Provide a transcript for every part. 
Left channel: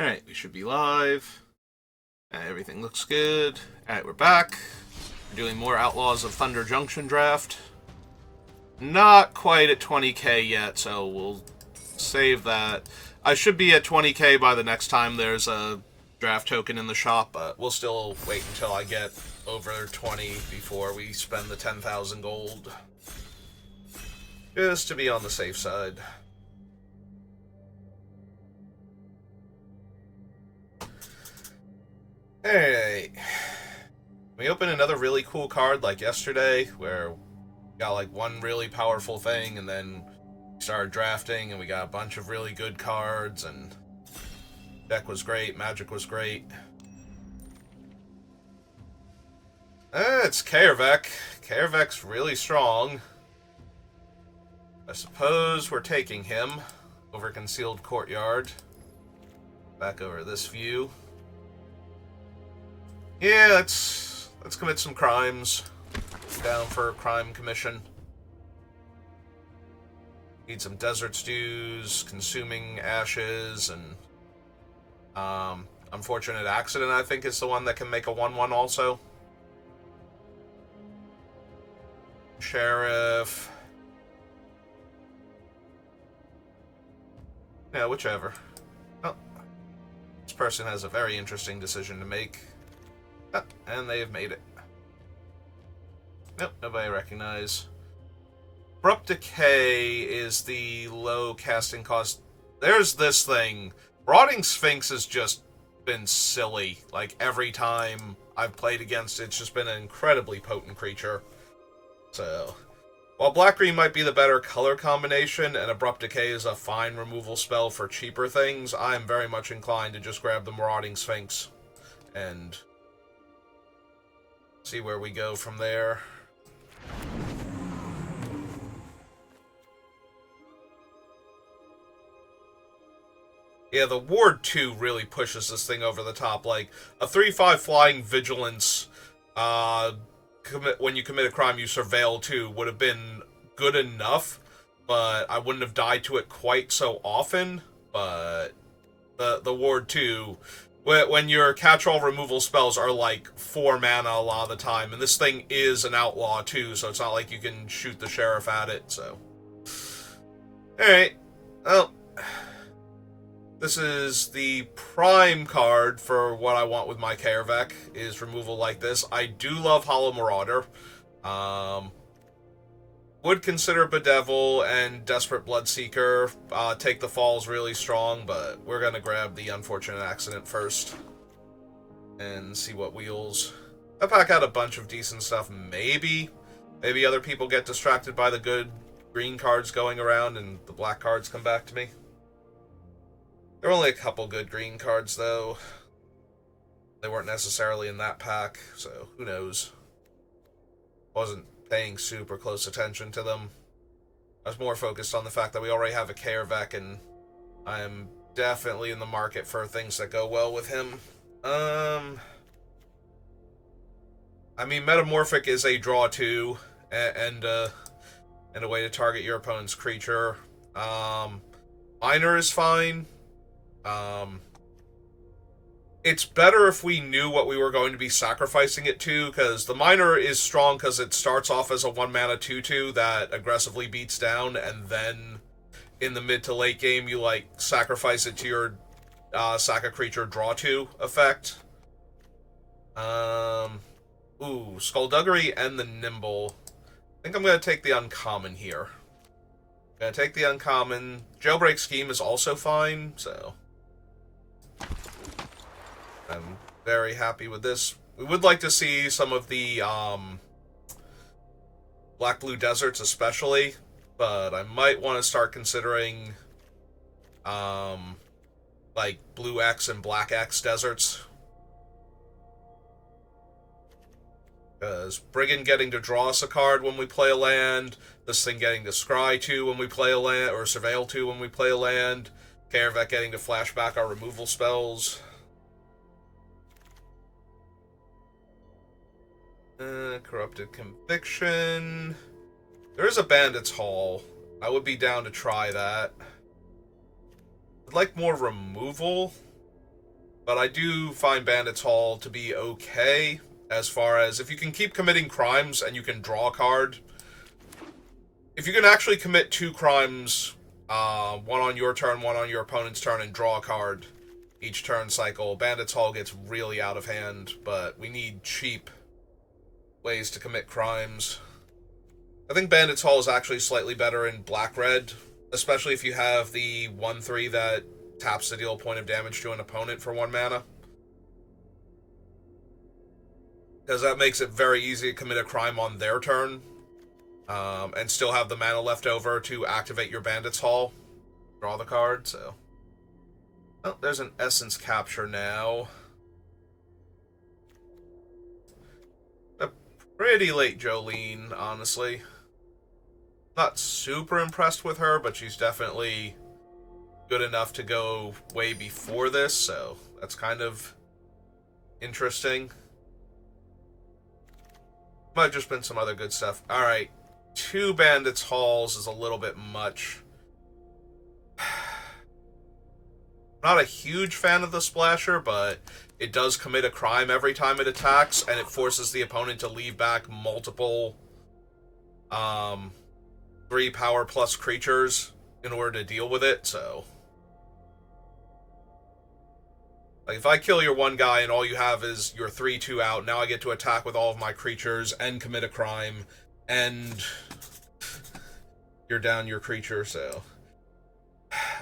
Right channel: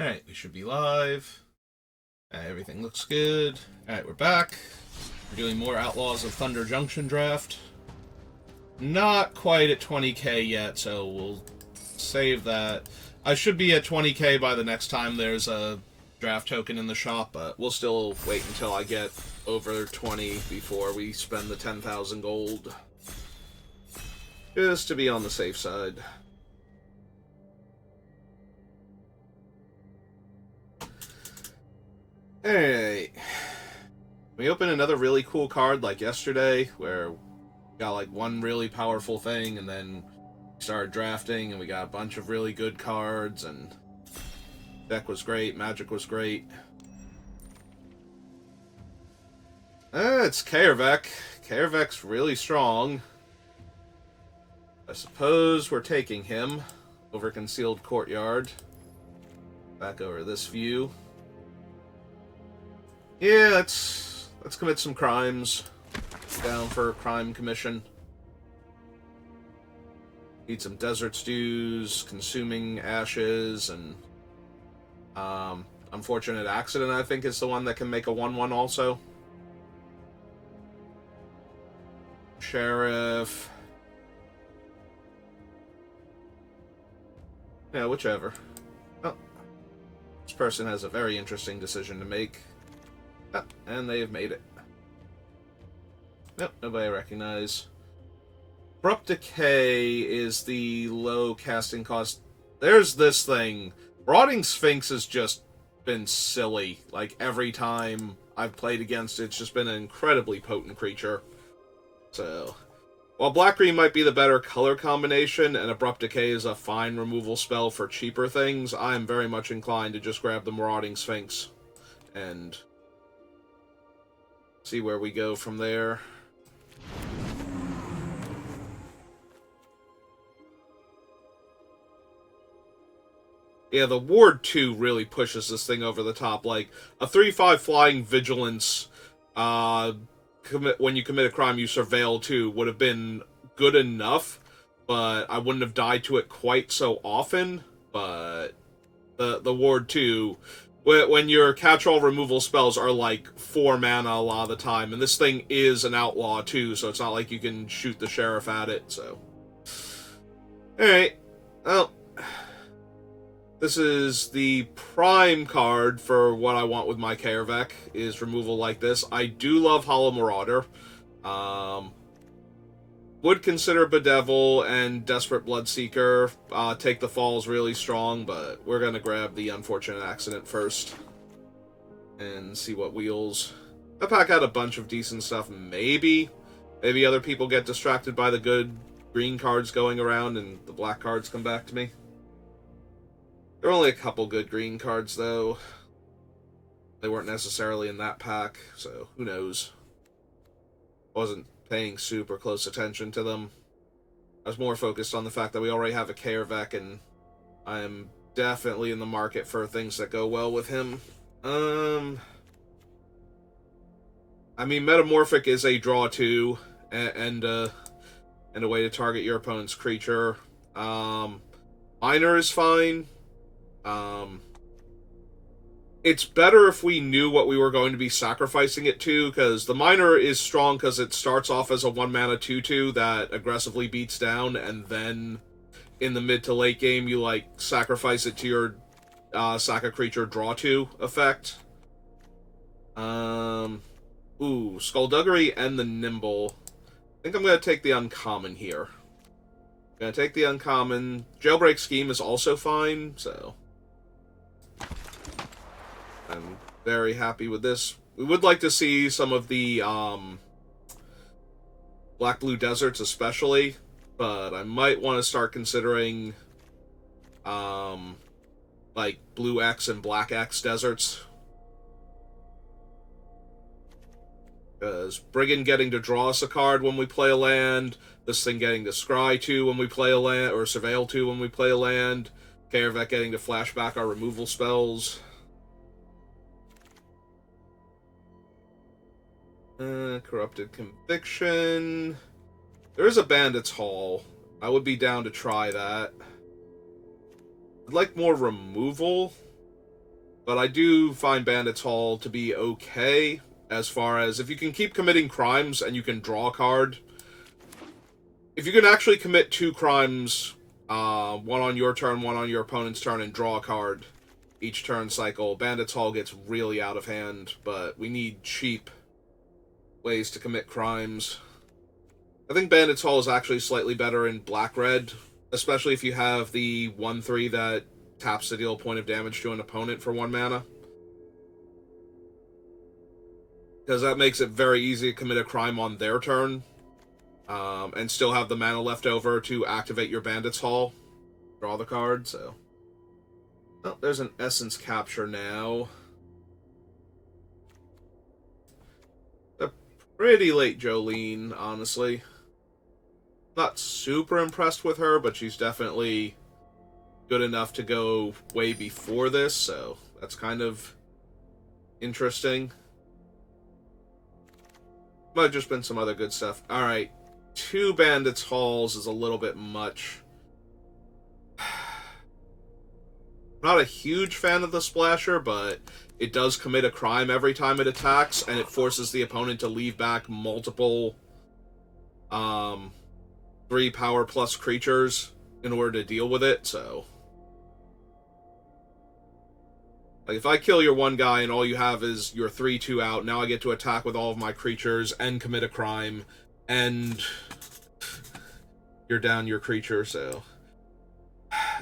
Alright, we should be live. Everything looks good. Alright, we're back. We're doing more Outlaws of Thunder Junction draft. Not quite at 20k yet, so we'll save that. I should be at 20k by the next time there's a draft token in the shop, but we'll still wait until I get over 20 before we spend the 10,000 gold. Just to be on the safe side. Alright. We opened another really cool card like yesterday, where we got like one really powerful thing, and then we started drafting, and we got a bunch of really good cards, and deck was great, magic was great. It's Kaervek. Kaervek's really strong. I suppose we're taking him over Concealed Courtyard. Back over this view. Yeah, let's commit some crimes. Down for a crime commission. Need some desert stews, consuming ashes, and unfortunate accident, I think, is the one that can make a 1/1 also. Sheriff. Yeah, whichever. Oh, this person has a very interesting decision to make. Oh, and they have made it. Nope, nobody I recognize. Abrupt Decay is the low casting cost. There's this thing. Rotting Sphinx has just been silly. Like, every time I've played against it, it's just been an incredibly potent creature. So, while Black-Green might be the better color combination, and Abrupt Decay is a fine removal spell for cheaper things, I am very much inclined to just grab the Marauding Sphinx and see where we go from there. Yeah, the Ward 2 really pushes this thing over the top. Like, a 3/5 Flying Vigilance, when you commit a crime, you surveil to, would have been good enough, but I wouldn't have died to it quite so often. But the Ward 2, when your catch-all removal spells are like 4 mana a lot of the time, and this thing is an outlaw too, so it's not like you can shoot the sheriff at it, so. Alright, well, this is the prime card for what I want with my Kaervek, is removal like this. I do love Hollow Marauder. Would consider Bedevil and Desperate Bloodseeker. Take the Falls really strong, but we're going to grab the Unfortunate Accident first and see what wheels. That pack had a bunch of decent stuff, maybe. Maybe other people get distracted by the good green cards going around and the black cards come back to me. There are only a couple good green cards, though. They weren't necessarily in that pack, so who knows. Wasn't paying super close attention to them. I was more focused on the fact that we already have a Kaervek, and I am definitely in the market for things that go well with him. I mean, Metamorphic is a draw 2, and a way to target your opponent's creature. Miner is fine. It's better if we knew what we were going to be sacrificing it to, because the Miner is strong because it starts off as a 1-mana 2/2 that aggressively beats down, and then in the mid to late game you, like, sacrifice it to your sack a creature draw 2 effect. Ooh, Skullduggery and the Nimble. I think I'm going to take the uncommon here. Gonna take the uncommon. Jailbreak Scheme is also fine, so I'm very happy with this. We would like to see some of the Black-Blue Deserts especially, but I might want to start considering like Blue X and Black X deserts. Because Brigand getting to draw us a card when we play a land, this thing getting to scry 2 when we play a land, or surveil 2 when we play a land, Kaervek getting to flashback our removal spells. Corrupted Conviction. There is a Bandit's Hall. I would be down to try that. I'd like more removal. But I do find Bandits Hall to be okay, as far as if you can keep committing crimes and you can draw a card. If you can actually commit 2 crimes, one on your turn, one on your opponent's turn, and draw a card each turn cycle, Bandits Hall gets really out of hand, but we need cheap ways to commit crimes. I think Bandits Hall is actually slightly better in black-red, especially if you have the 1/3 that taps to deal a point of damage to an opponent for 1 mana. Because that makes it very easy to commit a crime on their turn, and still have the mana left over to activate your Bandits Hall, draw the card, so... Oh, there's an Essence Capture now. A pretty late Jolene, honestly. Not super impressed with her, but she's definitely good enough to go way before this, so that's kind of interesting. Might have just been some other good stuff. Alright, 2 Bandits Halls is a little bit much. Not a huge fan of the Splasher, but it does commit a crime every time it attacks, and it forces the opponent to leave back multiple 3 power plus creatures in order to deal with it, so... Like, if I kill your one guy and all you have is your 3/2 out, now I get to attack with all of my creatures and commit a crime, and you're down your creature, so...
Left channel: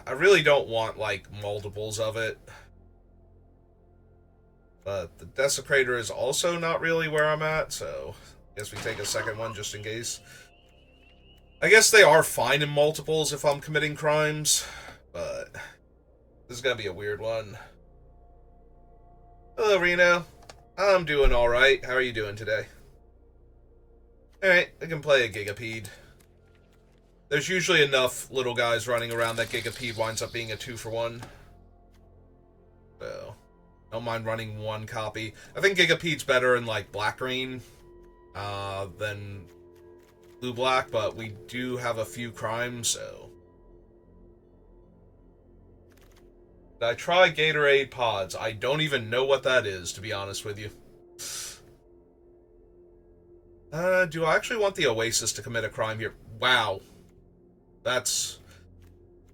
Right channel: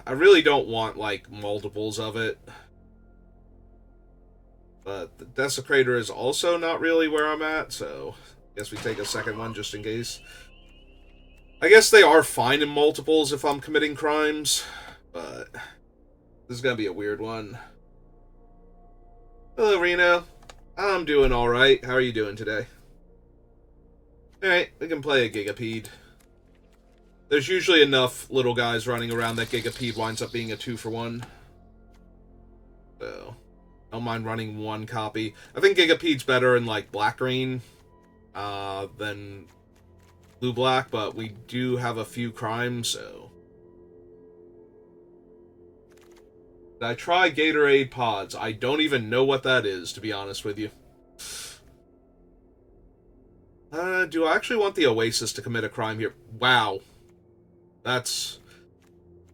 I really don't want, like, multiples of it. But the Desecrator is also not really where I'm at, so I guess we take a second one just in case. I guess they are fine in multiples if I'm committing crimes, but this is gonna be a weird one. Hello, Reno. I'm doing alright. How are you doing today? Alright, we can play a Gigapede. There's usually enough little guys running around that Gigapede winds up being a 2-for-1. So, I don't mind running 1 copy. I think Gigapede's better in, like, black-green than blue-black, but we do have a few crimes, so... Did I try Gatorade Pods? I don't even know what that is, to be honest with you. Do I actually want the Oasis to commit a crime here? Wow. That's...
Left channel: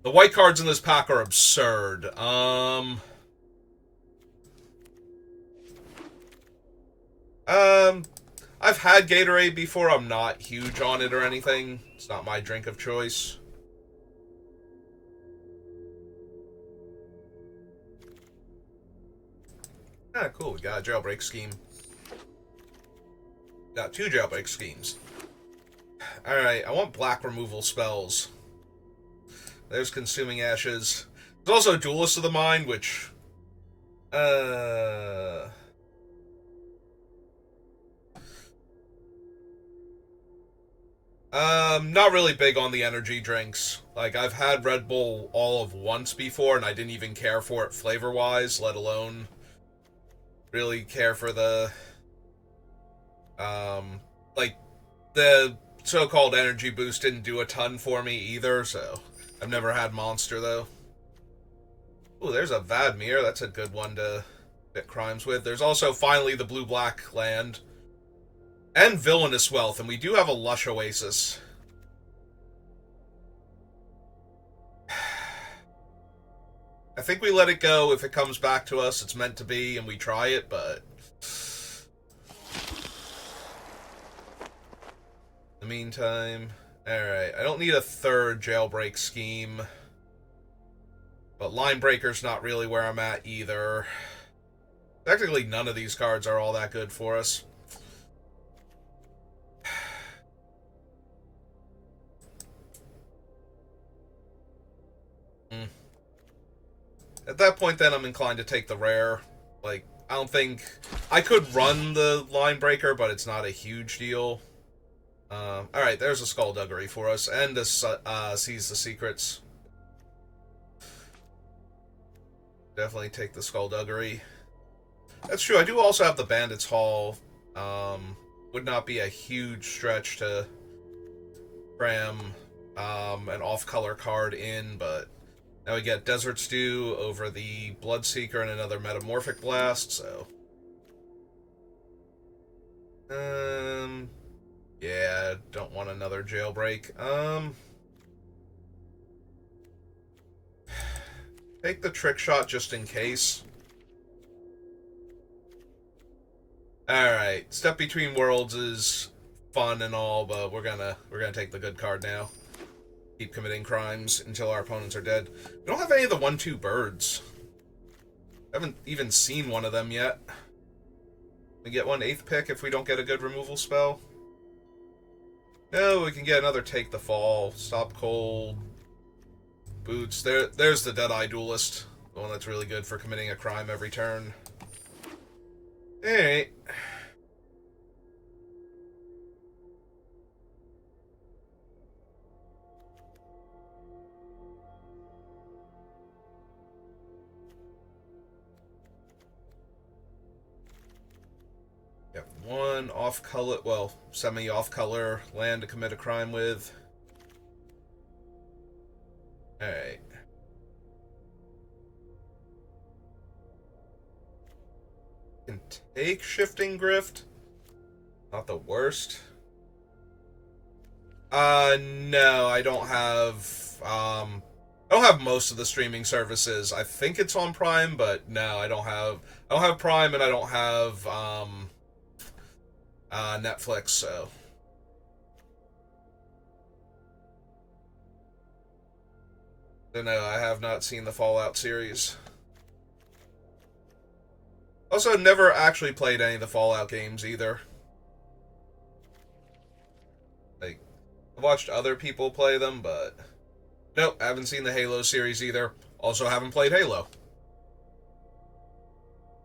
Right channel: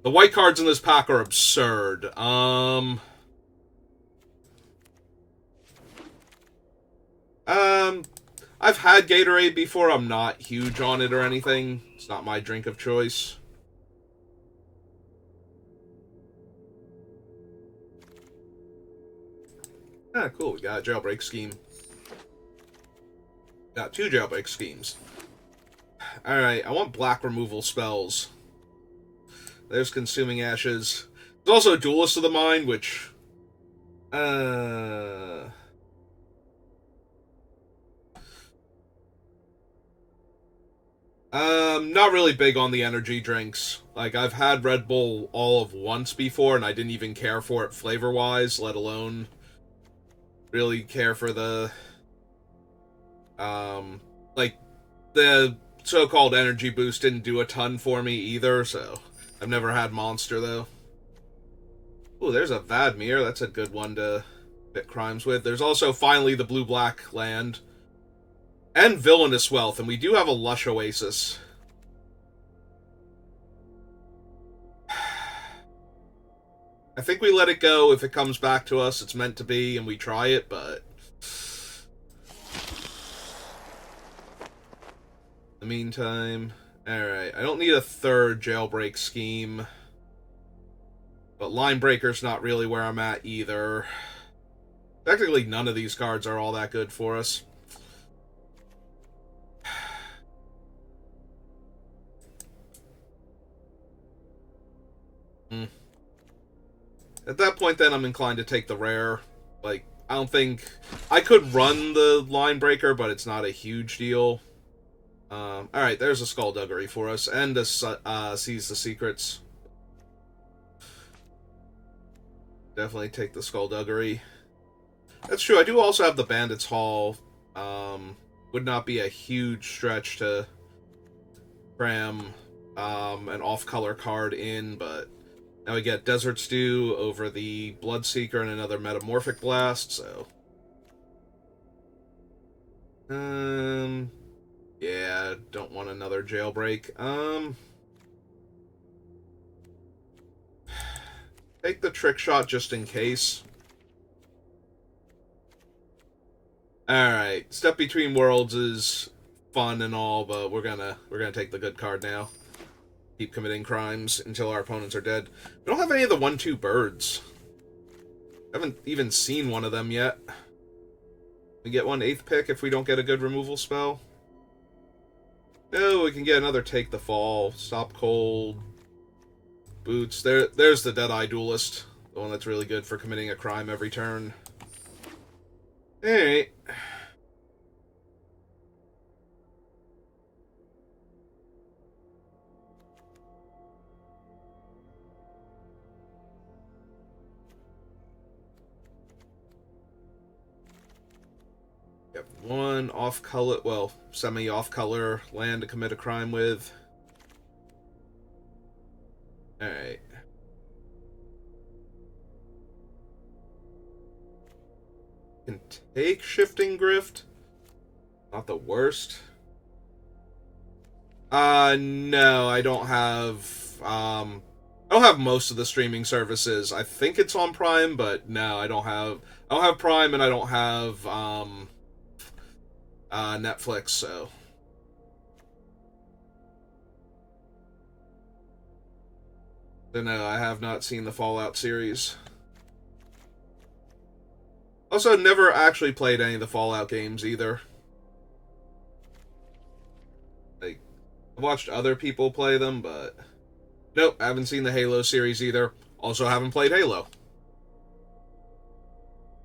The white cards in this pack are absurd. I've had Gatorade before. I'm not huge on it or anything. It's not my drink of choice. Ah, cool. We got a jailbreak scheme. Got 2 jailbreak schemes. Alright, I want black removal spells. There's Consuming Ashes. There's also Duelist of the Mind, which... not really big on the energy drinks. Like, I've had Red Bull all of once before, and I didn't even care for it flavor-wise, let alone really care for the... like, the so-called energy boost didn't do a ton for me either, so... I've never had Monster, though. Ooh, there's a Vadmir. That's a good one to fit crimes with. There's also, finally, the blue-black land. And Villainous Wealth, and we do have a Lush Oasis. I think we let it go. If it comes back to us, it's meant to be, and we try it, but... In the meantime... Alright, I don't need a 3rd jailbreak scheme. But Line Breaker's not really where I'm at either. Technically, none of these cards are all that good for us. At that point, then, I'm inclined to take the rare. Like, I don't think... I could run the Line Breaker, but it's not a huge deal. Alright, there's a Skullduggery for us, and a Seize the Secrets. Definitely take the Skullduggery. That's true, I do also have the Bandits Hall. Would not be a huge stretch to cram an off-color card in, but Now we get Desert Stew over the Bloodseeker and another Metamorphic Blast, so... Yeah, don't want another Jailbreak. Take the Trick Shot just in case. Alright, Step Between Worlds is fun and all, but we're gonna take the good card now. Keep committing crimes until our opponents are dead. We don't have any of the 1/2 birds. Haven't even seen one of them yet. We get 1/8 pick if we don't get a good removal spell. No, we can get another Take the Fall, Stop Cold, Boots. There's the Deadeye Duelist, the one that's really good for committing a crime every turn. Alright. Yep, one off-color, well, semi-off-color land to commit a crime with. Alright. Can take Shifting Grift. Not the worst. No, I don't have, I don't have most of the streaming services. I think it's on Prime, but no, I don't have Prime and I don't have, Netflix, so... So no, I have not seen the Fallout series. Also, never actually played any of the Fallout games either. Like, I've watched other people play them, but... Nope, haven't seen the Halo series either. Also haven't played Halo.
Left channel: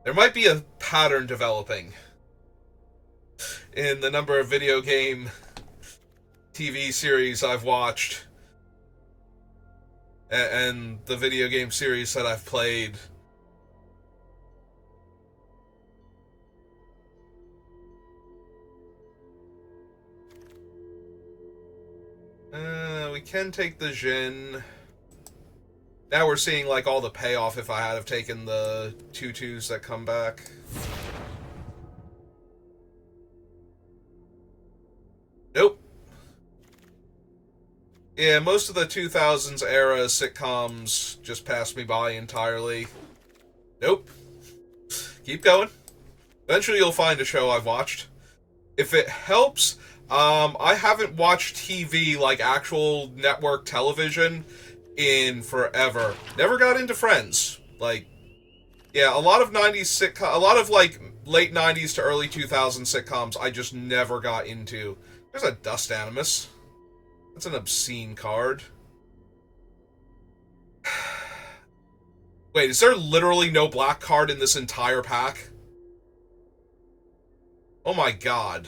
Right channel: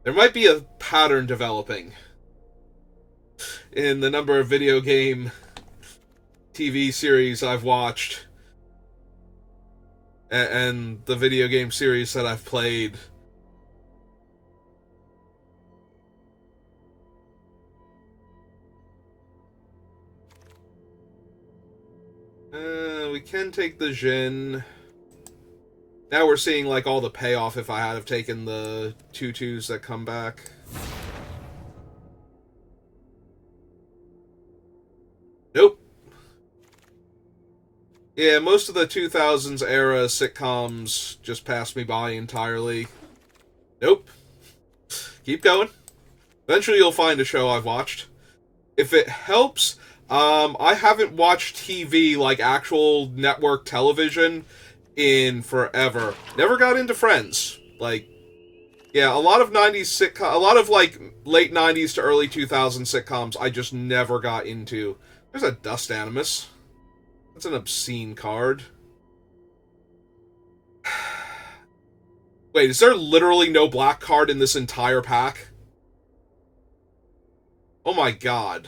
There might be a pattern developing in the number of video game TV series I've watched and the video game series that I've played. We can take the Jin. Now we're seeing, like, all the payoff if I had have taken the 2/2s that come back. Nope. Yeah, most of the 2000s era sitcoms just passed me by entirely. Nope. Keep going. Eventually you'll find a show I've watched. If it helps, I haven't watched TV, like actual network television, in forever. Never got into Friends. Like, yeah, a lot of 90s sitcom, a lot of, like, late 90s to early 2000s sitcoms I just never got into. There's a Dust Animus. That's an obscene card. Wait, is there literally no black card in this entire pack? Oh my god.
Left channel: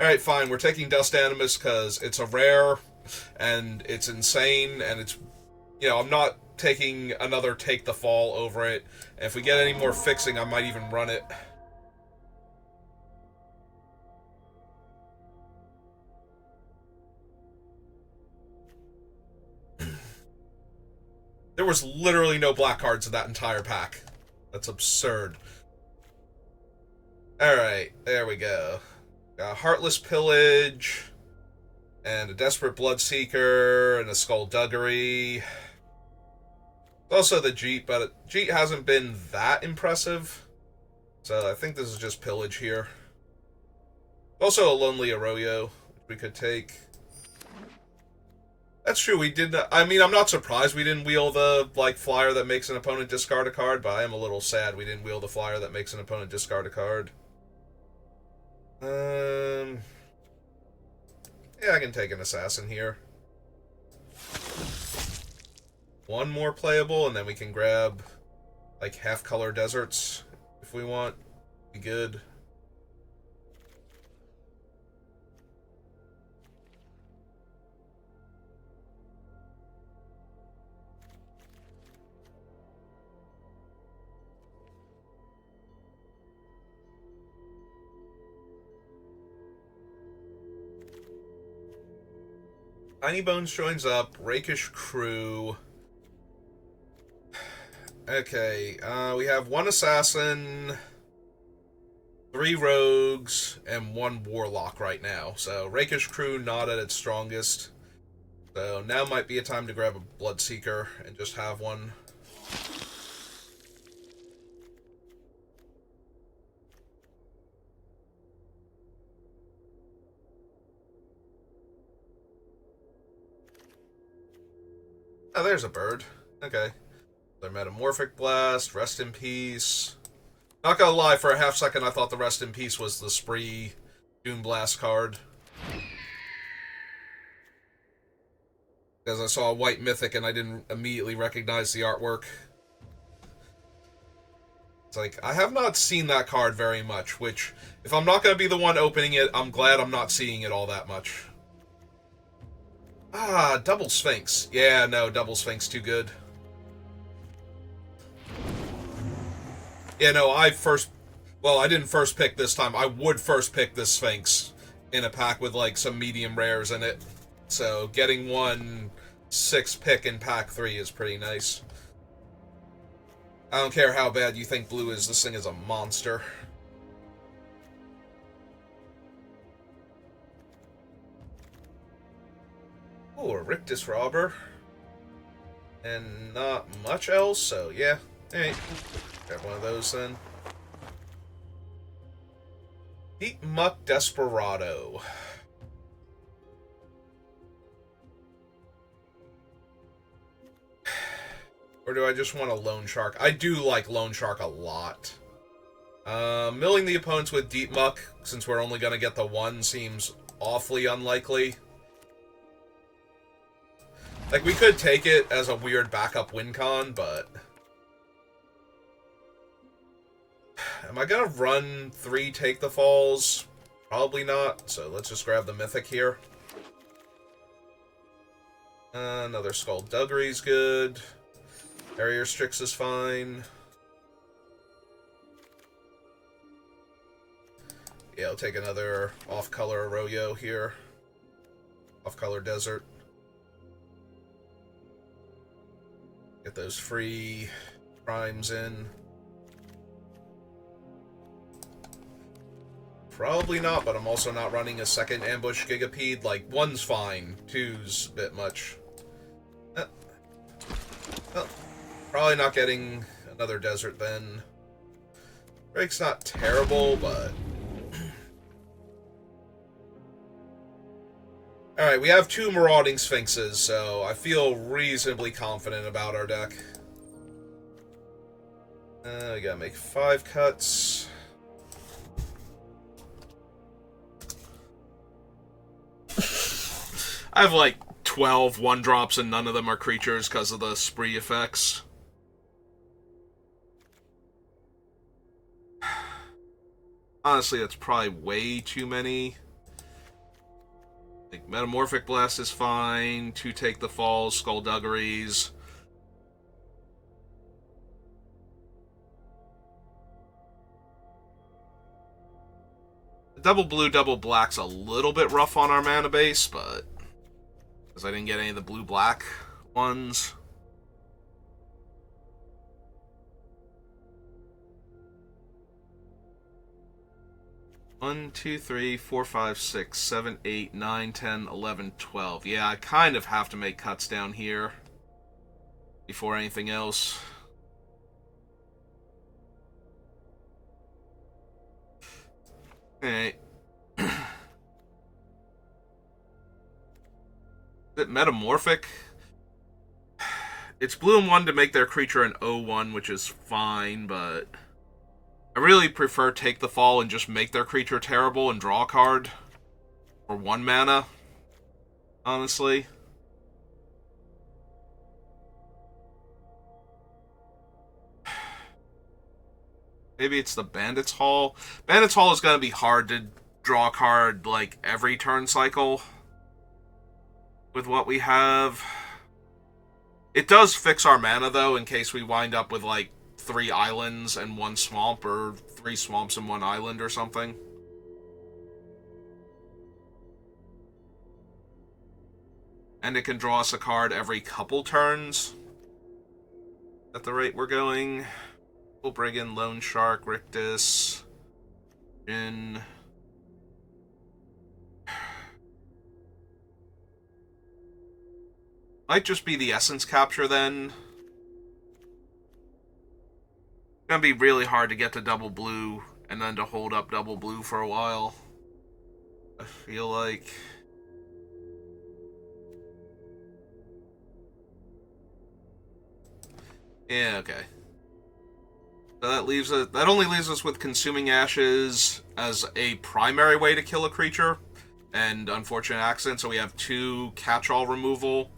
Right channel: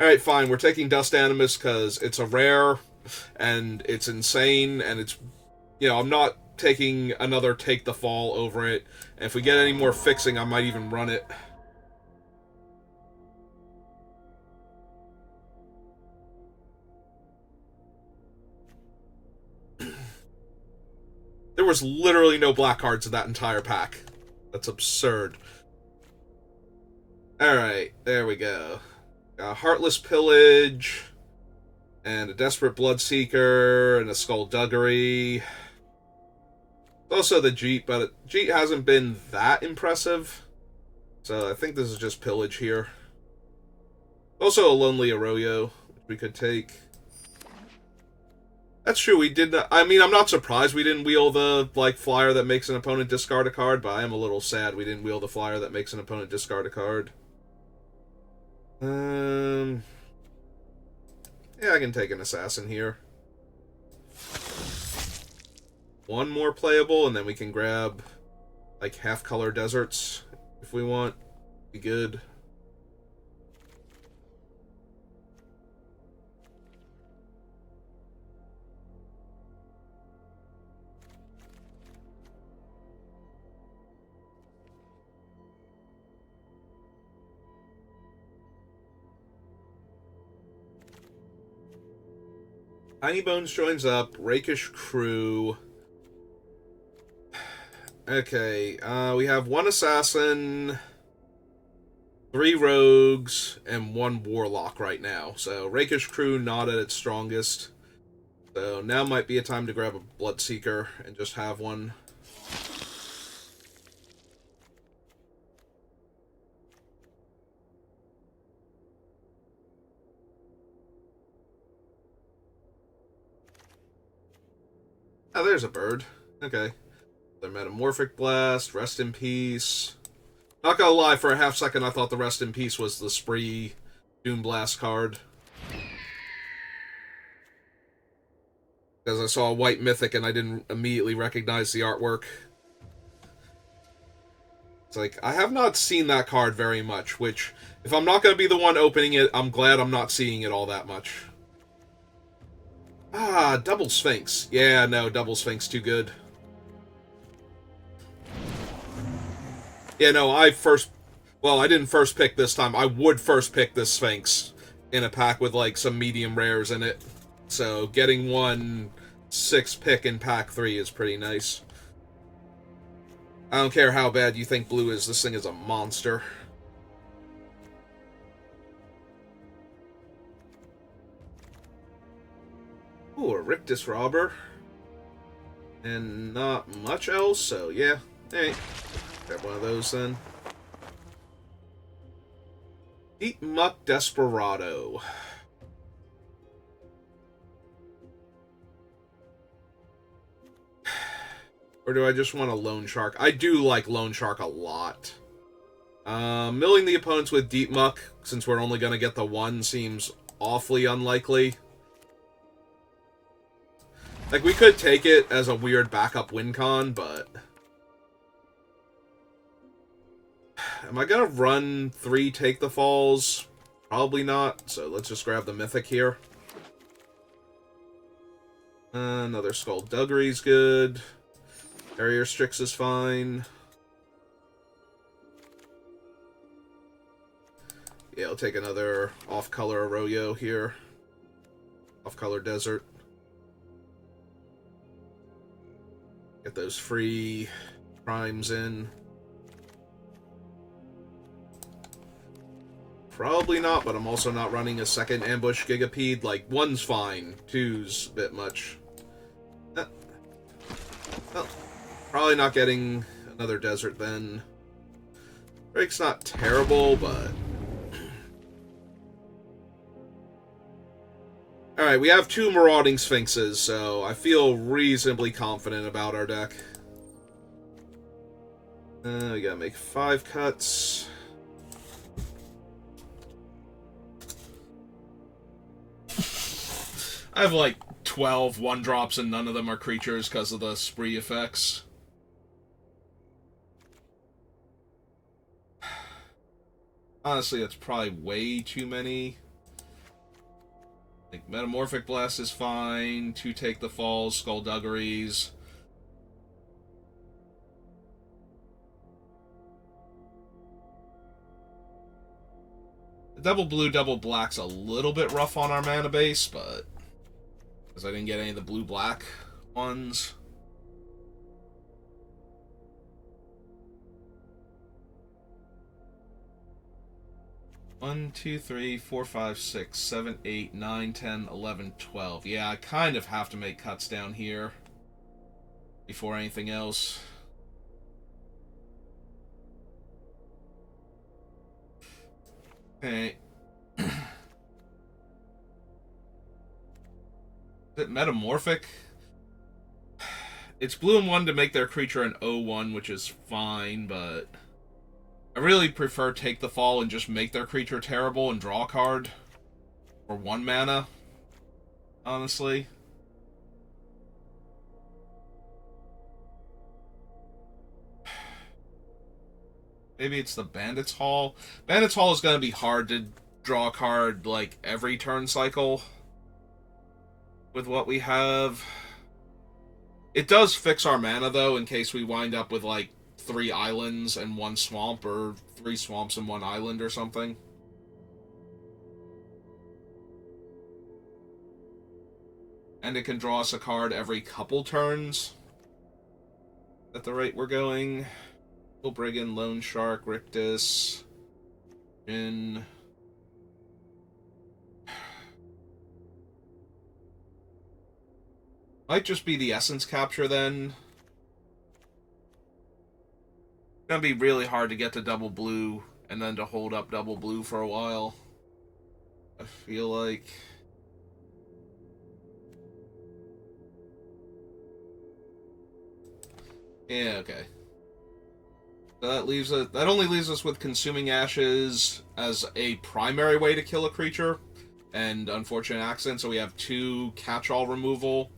Alright, fine, we're taking Dust Animus because it's a rare, and it's insane, and it's... You know, I'm not taking another Take the Fall over it, and if we get any more fixing, I might even run it. There was literally no black cards in that entire pack. That's absurd. Alright, there we go. Heartless Pillage, and a Desperate Bloodseeker, and a Skullduggery. Also the Jeet, but Jeet hasn't been that impressive. So I think this is just Pillage here. Also a Lonely Arroyo, which we could take. That's true, we did not... I mean, I'm not surprised we didn't wheel the, like, flyer that makes an opponent discard a card, but I am a little sad we didn't wheel the flyer that makes an opponent discard a card. Yeah, I can take an Assassin here. One more playable, and then we can grab, like, half-color deserts, if we want. Be good. Tiny Bones joins up, Rakish Crew, Okay, we have one assassin, 3 rogues, and 1 warlock right now. So Rakish crew not at its strongest. So now might be a time to grab a Bloodseeker and just have one. Oh, there's a bird. Okay. Their Metamorphic Blast, Rest in Peace. Not gonna lie, for a half second I thought the Rest in Peace was the Spree Doom Blast card. Because I saw a white mythic and I didn't immediately recognize the artwork. It's like, I have not seen that card very much, which, if I'm not gonna be the one opening it, I'm glad I'm not seeing it all that much. Ah, Double Sphinx. Yeah, no, Double Sphinx too good. Yeah, no, I didn't first pick this time. I would first pick this Sphinx in a pack with, like, some medium rares in it. So, getting 1/6 pick in pack 3 is pretty nice. I don't care how bad you think blue is, this thing is a monster. Ooh, a Rictus Robber. And not much else, so yeah. Hey, grab one of those then. Deep Muck Desperado. Or do I just want a Loan Shark? I do like Loan Shark a lot. Milling the opponents with Deep Muck, since we're only going to get the one, seems awfully unlikely. Like, we could take it as a weird backup win con, but... Am I going to run 3 Take the Falls? Probably not, so let's just grab the Mythic here. Another Skullduggery's good. Barrier Strix is fine. Yeah, I'll take another off-color Arroyo here. Off-color Desert. Get those free primes in. Probably not, but I'm also not running a second Ambush Gigapede. Like, 1's fine. 2's a bit much. Well, probably not getting another Desert then. Drake's not terrible, but... Alright, we have 2 Marauding Sphinxes, so I feel reasonably confident about our deck. We gotta make 5 cuts. I have like 12 1-drops and none of them are creatures because of the spree effects. Honestly, that's probably way too many. Like, Metamorphic Blast is fine. 2 Take the Falls, Skullduggeries. Double blue, double black's a little bit rough on our mana base, but... Because I didn't get any of the blue-black ones. One, 2, 3, 4, 5, 6, 7, 8, 9, 10, 11, 12. Yeah, I kind of have to make cuts down here before anything else. Okay. Is it Metamorphic? It's blue and 1 to make their creature an 0/1, which is fine, but I really prefer Take the Fall and just make their creature terrible and draw a card for 1 mana, honestly. Maybe it's the Bandit's Hall. Bandit's Hall is going to be hard to draw a card, like, every turn cycle with what we have. It does fix our mana, though, in case we wind up with, like, 3 islands and 1 swamp, or 3 swamps and 1 island or something. And it can draw us a card every couple turns. At the rate we're going, we'll bring in Lone Shark, Rictus, Jin. Might just be the essence capture then. It's gonna be really hard to get to double blue and then to hold up double blue for a while. I feel like. Yeah, okay. So that leaves us. That only leaves us with Consuming Ashes as a primary way to kill a creature, and Unfortunate Accident. So we have 2 catch-all removal,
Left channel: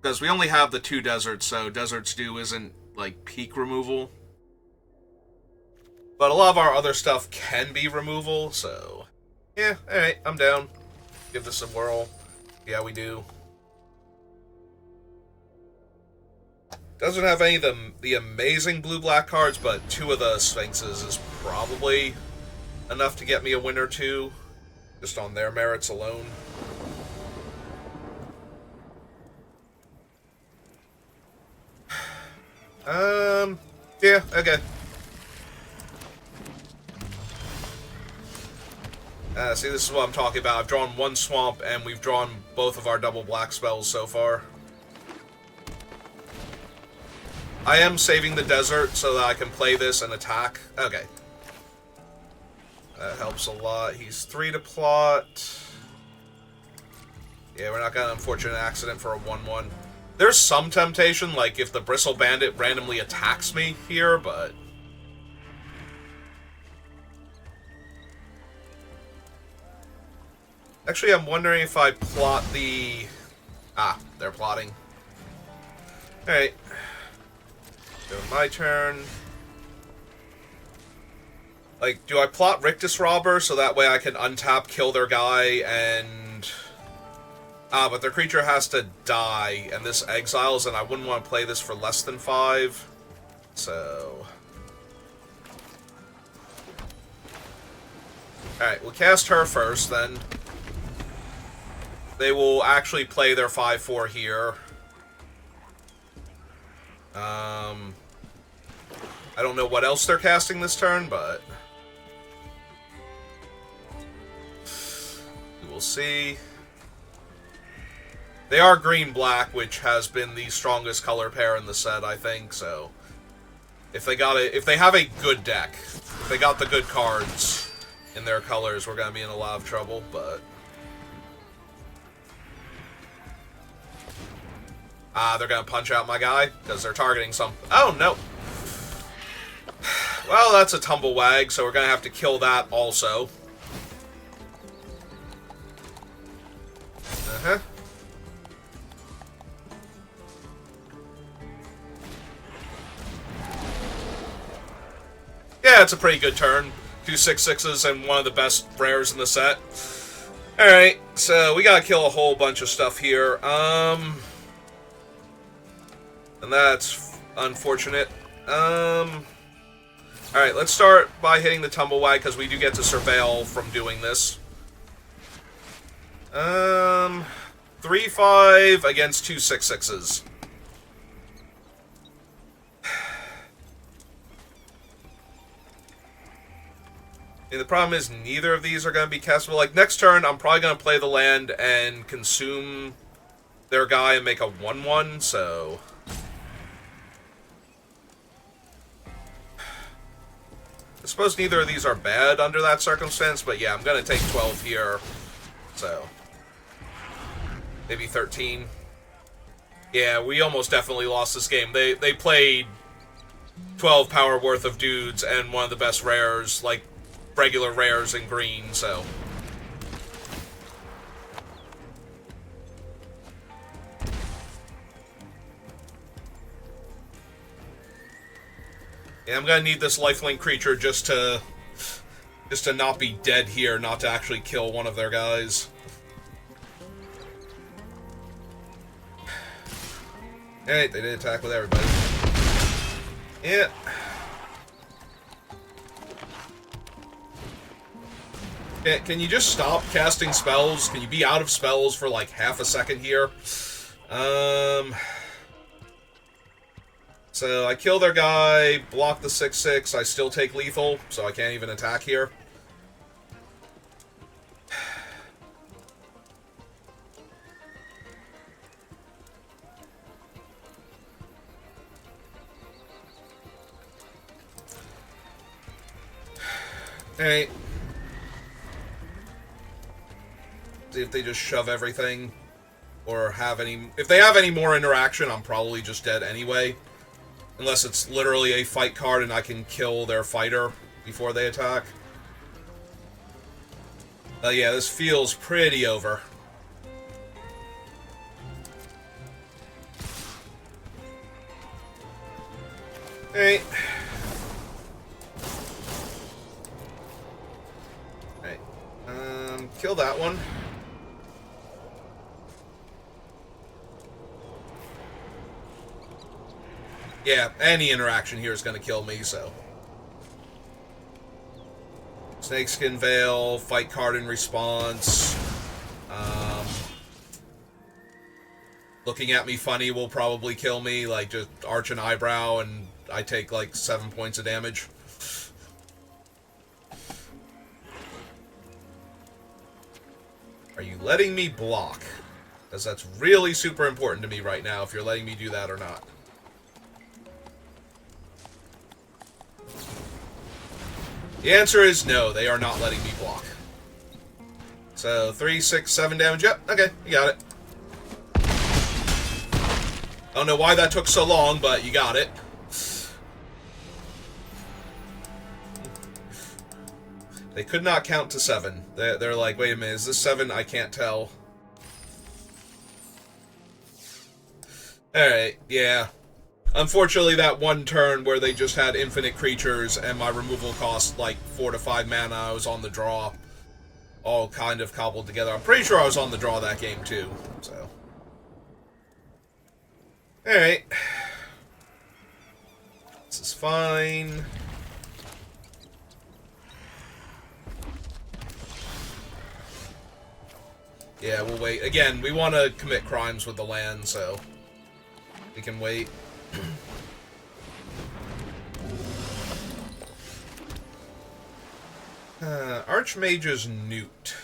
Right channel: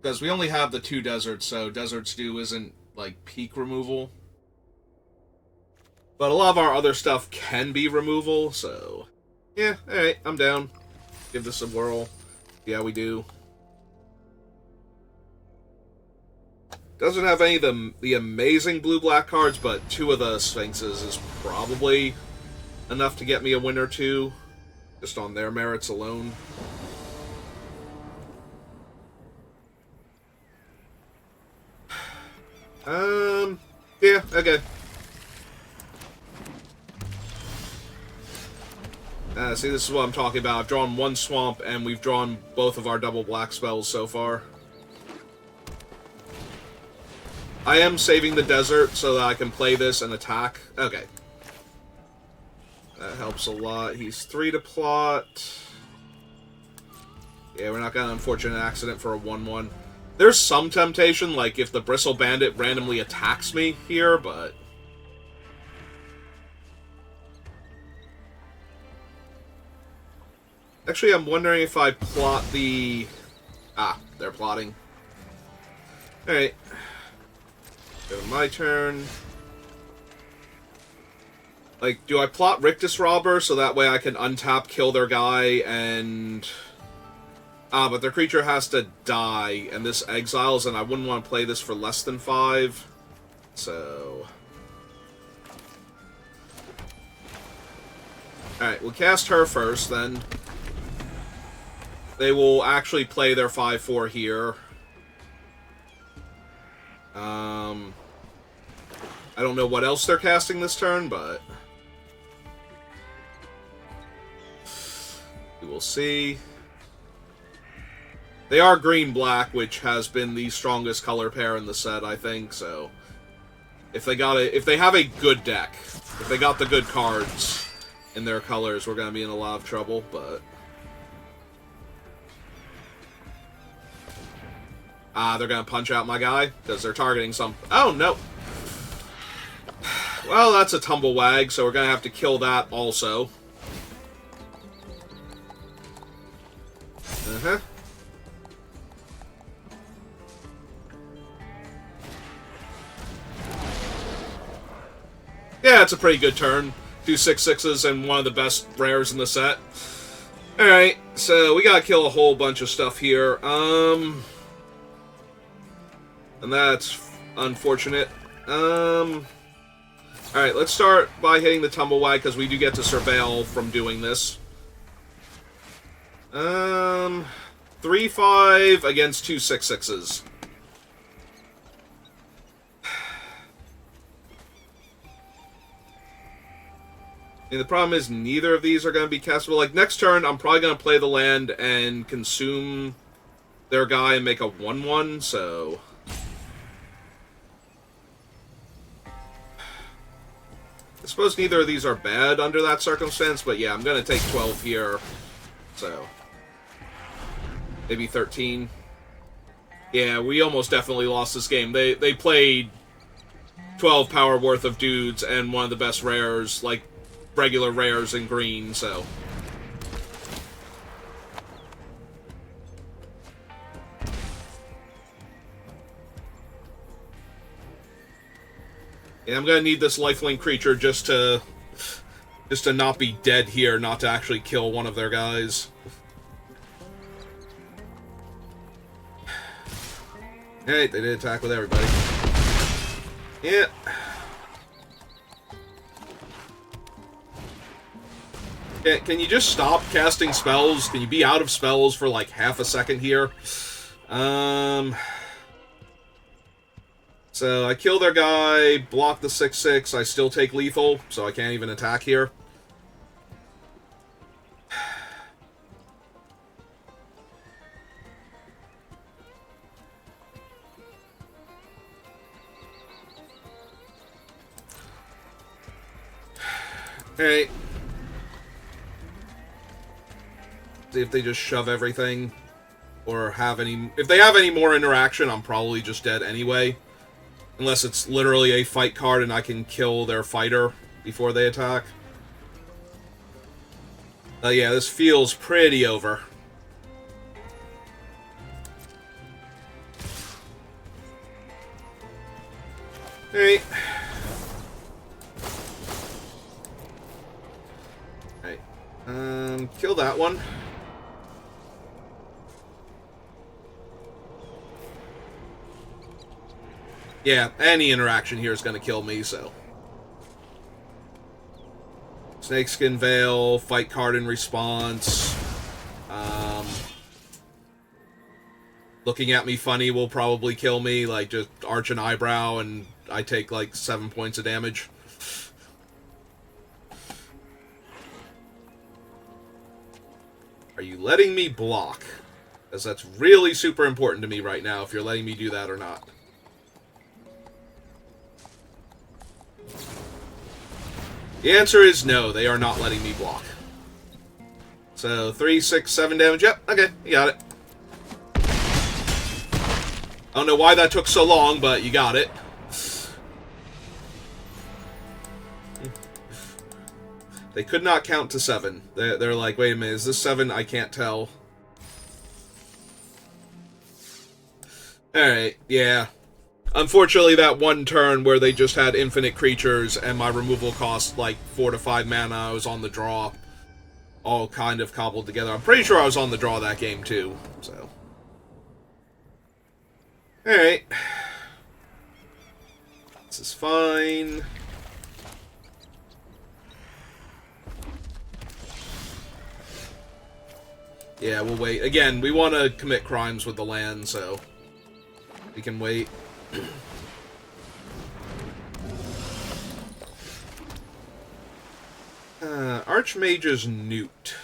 because we only have the 2 deserts. So Desert Stew isn't like peak removal, but a lot of our other stuff can be removal. So yeah, all right, I'm down. Give this a whirl. Yeah, we do. Doesn't have any of the amazing blue-black cards, but 2 of the Sphinxes is probably enough to get me a win or 2, just on their merits alone. Yeah, okay. See, this is what I'm talking about. I've drawn 1 swamp, and we've drawn both of our double black spells so far. I am saving the desert so that I can play this and attack. Okay. That helps a lot. He's 3 to plot. Yeah, we're not got an Unfortunate Accident for a 1/1. There's some temptation, like if the Bristle Bandit randomly attacks me here, but... Actually, I'm wondering if I plot the... Ah, they're plotting. Alright. So my turn. Like, do I plot Rictus Robber so that way I can untap, kill their guy, and... Ah, but their creature has to die, and this exiles, and I wouldn't want to play this for less than 5. So... Alright, we'll cast her first, then. They will actually play their 5/4 here. I don't know what else they're casting this turn, but... we will see. They are green-black, which has been the strongest color pair in the set, I think, so... If they have a good deck, if they got the good cards in their colors, we're gonna be in a lot of trouble, but... They're gonna punch out my guy, because they're targeting some... Oh, no! Well, that's a Tumblewag, so we're gonna have to kill that also. Uh-huh. Yeah, it's a pretty good turn. 2 6/6s and one of the best rares in the set. Alright, so we gotta kill a whole bunch of stuff here. And that's unfortunate. Alright, let's start by hitting the Tumblewag, because we do get to surveil from doing this. 3/5 against 2 6/6s. And the problem is neither of these are going to be castable. Like, next turn, I'm probably going to play the land and consume their guy and make a 1/1, so... I suppose neither of these are bad under that circumstance, but yeah, I'm going to take 12 here, so... Maybe 13. Yeah, we almost definitely lost this game. They played 12 power worth of dudes and one of the best rares, like, regular rares in green, so... Yeah, I'm gonna need this lifelink creature just to not be dead here, not to actually kill one of their guys. Alright, they did attack with everybody. Yeah. Can you just stop casting spells? Can you be out of spells for like half a second here? So I kill their guy, block the 6/6, I still take lethal, so I can't even attack here. Alright. See if they just shove everything. Or have any... If they have any more interaction, I'm probably just dead anyway. Unless it's literally a fight card and I can kill their fighter before they attack. Yeah, this feels pretty over. Alright. Alright. Kill that one. Yeah, any interaction here is going to kill me, so... Snakeskin Veil, fight card in response. Looking at me funny will probably kill me, like just arch an eyebrow and I take like 7 points of damage. Are you letting me block? Because that's really super important to me right now, if you're letting me do that or not. The answer is no, they are not letting me block. So, 3, 6, 7 damage. Yep, okay, you got it. I don't know why that took so long, but you got it. They could not count to 7. They're like, wait a minute, is this 7? I can't tell. Alright, yeah. Unfortunately, that one turn where they just had infinite creatures and my removal cost like 4 to 5 mana, I was on the draw. All kind of cobbled together. I'm pretty sure I was on the draw that game too, so. Alright. This is fine. Yeah, we'll wait. Again, we want to commit crimes with the land, so we can wait. Archmage's Newt.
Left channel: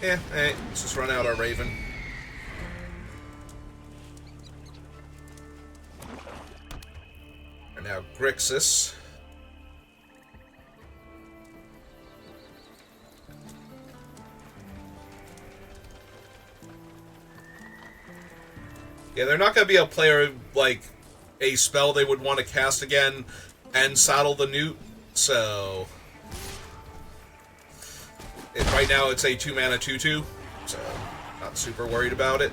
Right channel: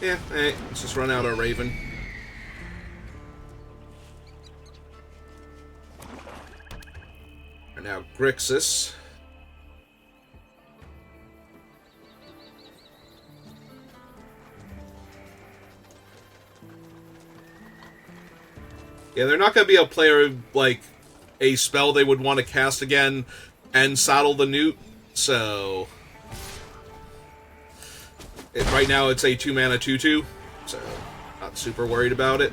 Yeah, alright, let's just run out our Raven. And now Grixis. Yeah, they're not going to be able to play, like, a spell they would want to cast again and saddle the Newt, so... Right now it's a 2-mana 2/2, so not super worried about it.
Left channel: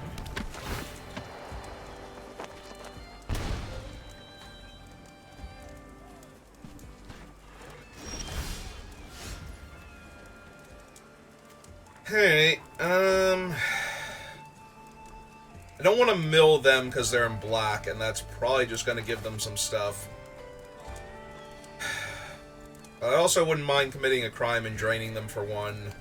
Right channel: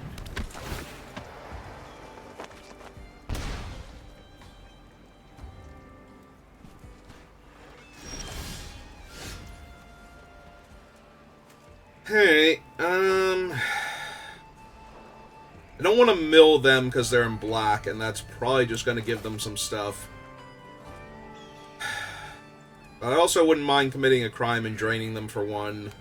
Hey, I don't want to mill them because they're in black, and that's probably just going to give them some stuff. I also wouldn't mind committing a crime and draining them for 1.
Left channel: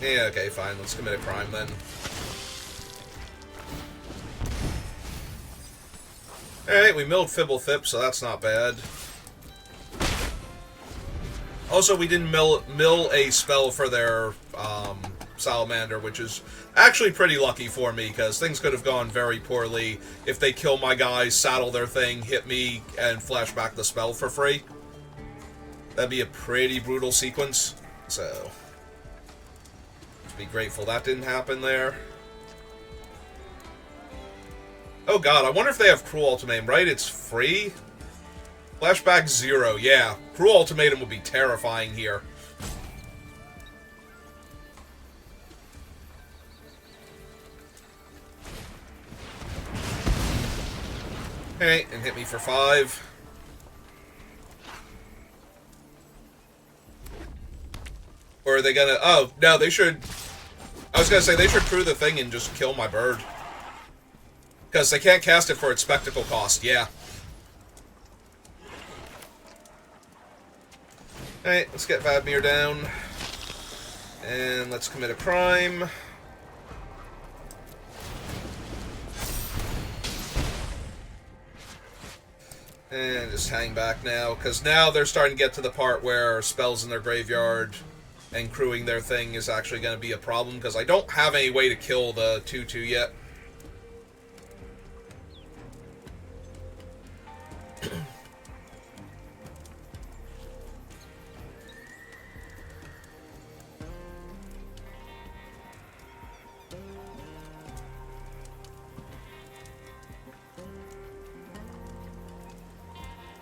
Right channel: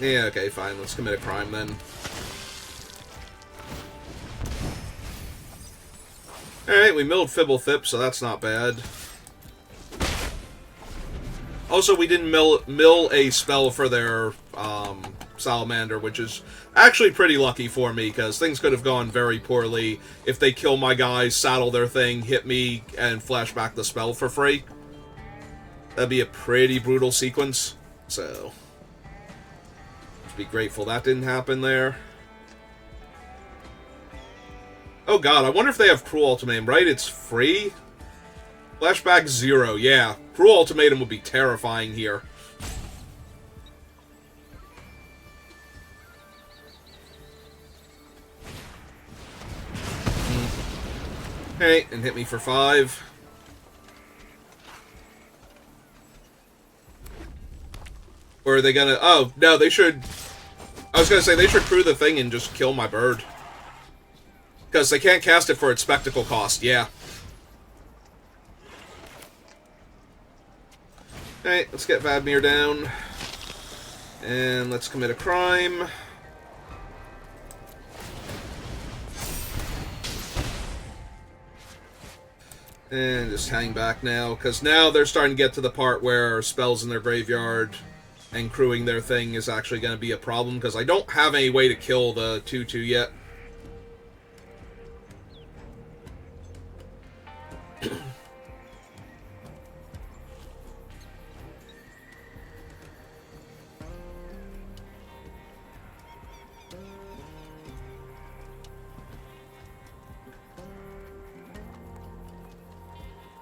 Yeah, okay, fine. Let's commit a crime then. Alright, we milled Fibblethip, so that's not bad. Also, we didn't mill a spell for their Salamander, which is actually pretty lucky for me, because things could have gone very poorly if they kill my guys, saddle their thing, hit me, and flash back the spell for free. That'd be a pretty brutal sequence, so... Be grateful that didn't happen there. Oh god, I wonder if they have Cruel Ultimatum, right? It's free? Flashback 0, yeah. Cruel Ultimatum would be terrifying here. Okay, and hit me for 5. Or are they gonna... Oh, no, they should... I was gonna say, they should crew the thing and just kill my bird. Because they can't cast it for its spectacle cost, yeah. Alright, let's get Vadmir down. And let's commit a crime. And just hang back now, because now they're starting to get to the part where spells in their graveyard and crewing their thing is actually going to be a problem, because I don't have any way to kill the 2/2 yet.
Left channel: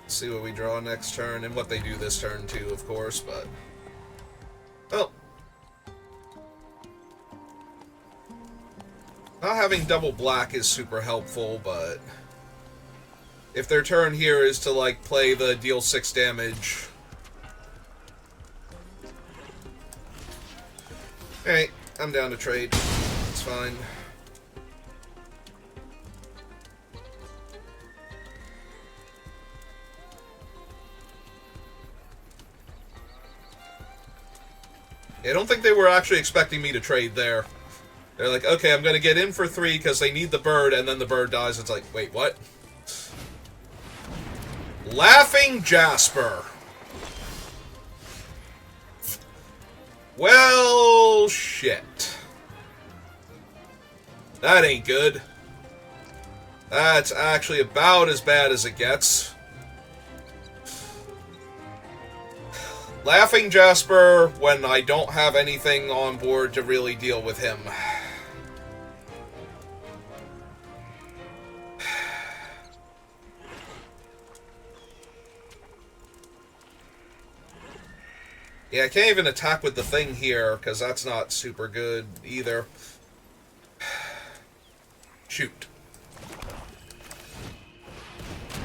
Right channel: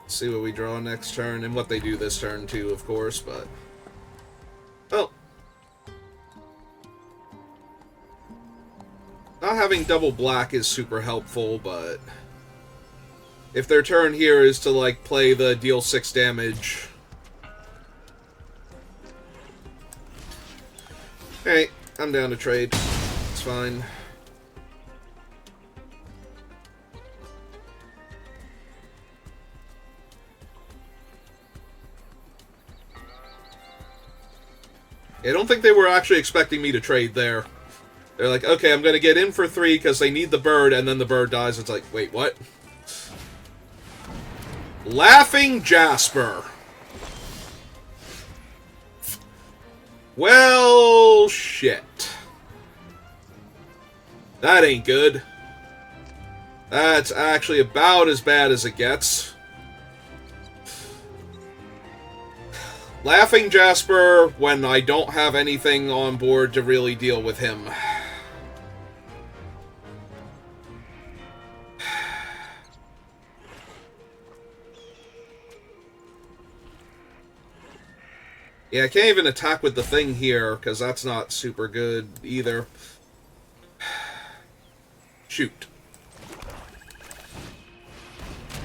See what we draw next turn, and what they do this turn too, of course, but... Well. Not having double black is super helpful, but... If their turn here is to, like, play the deal 6 damage... Alright, I'm down to trade. It's fine. I don't think they were actually expecting me to trade there. They're like, okay, I'm going to get in for 3 because they need the bird, and then the bird dies. It's like, wait, what? Laughing Jasper. Well, shit. That ain't good. That's actually about as bad as it gets. Laughing Jasper when I don't have anything on board to really deal with him. Yeah, I can't even attack with the thing here, because that's not super good either. Shoot.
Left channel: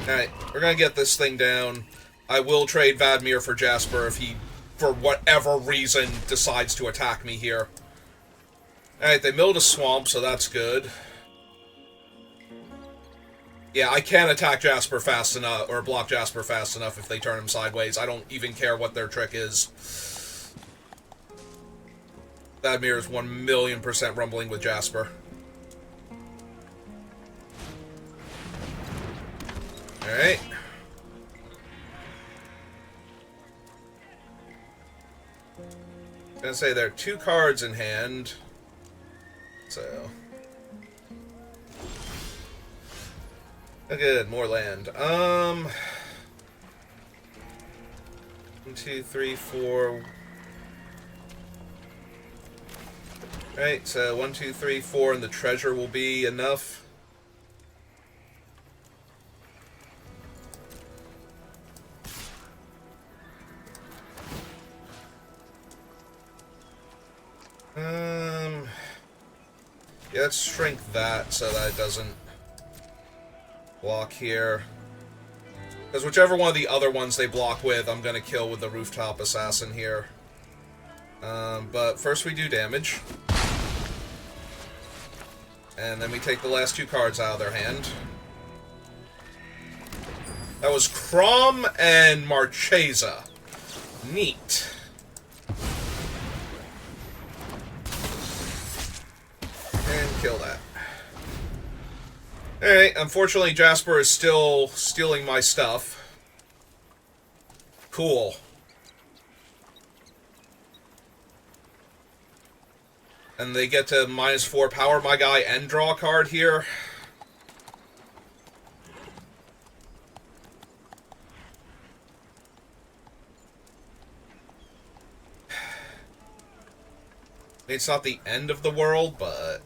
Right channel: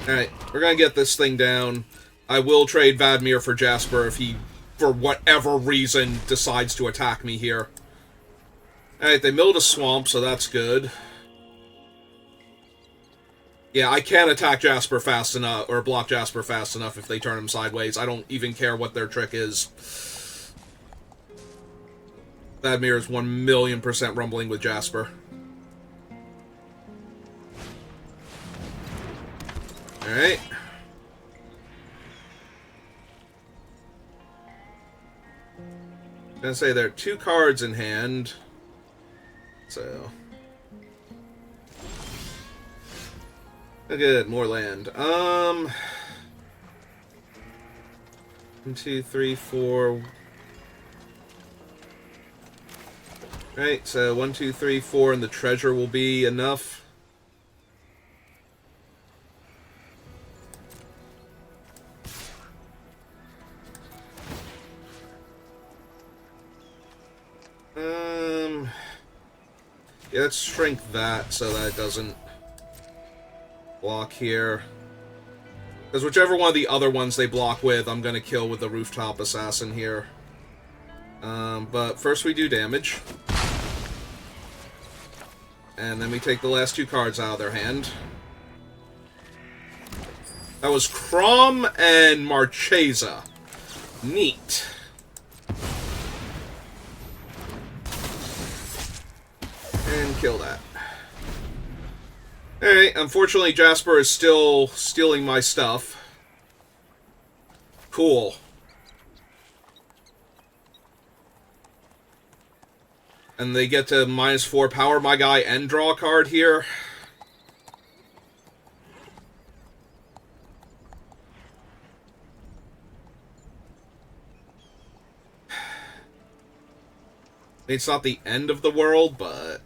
Alright, we're gonna get this thing down. I will trade Vadmir for Jasper if he, for whatever reason, decides to attack me here. Alright, they milled a swamp, so that's good. Yeah, I can't attack Jasper fast enough, or block Jasper fast enough if they turn him sideways. I don't even care what their trick is. Vadmir is 1,000,000% rumbling with Jasper. Alright. I'm gonna say there are 2 cards in hand. So. Oh, good, more land. 1, 2, 3, 4. Right, so 1, 2, 3, 4, and the treasure will be enough. Yeah, let's shrink that so that it doesn't block here. Because whichever one of the other ones they block with, I'm going to kill with the Rooftop Assassin here. But first we do damage. And then we take the last 2 cards out of their hand. That was Crom and Marchesa. Neat. And kill that. Alright, unfortunately Jasper is still stealing my stuff. Cool. And they get to -4 power my guy and draw a card here. It's not the end of the world, but...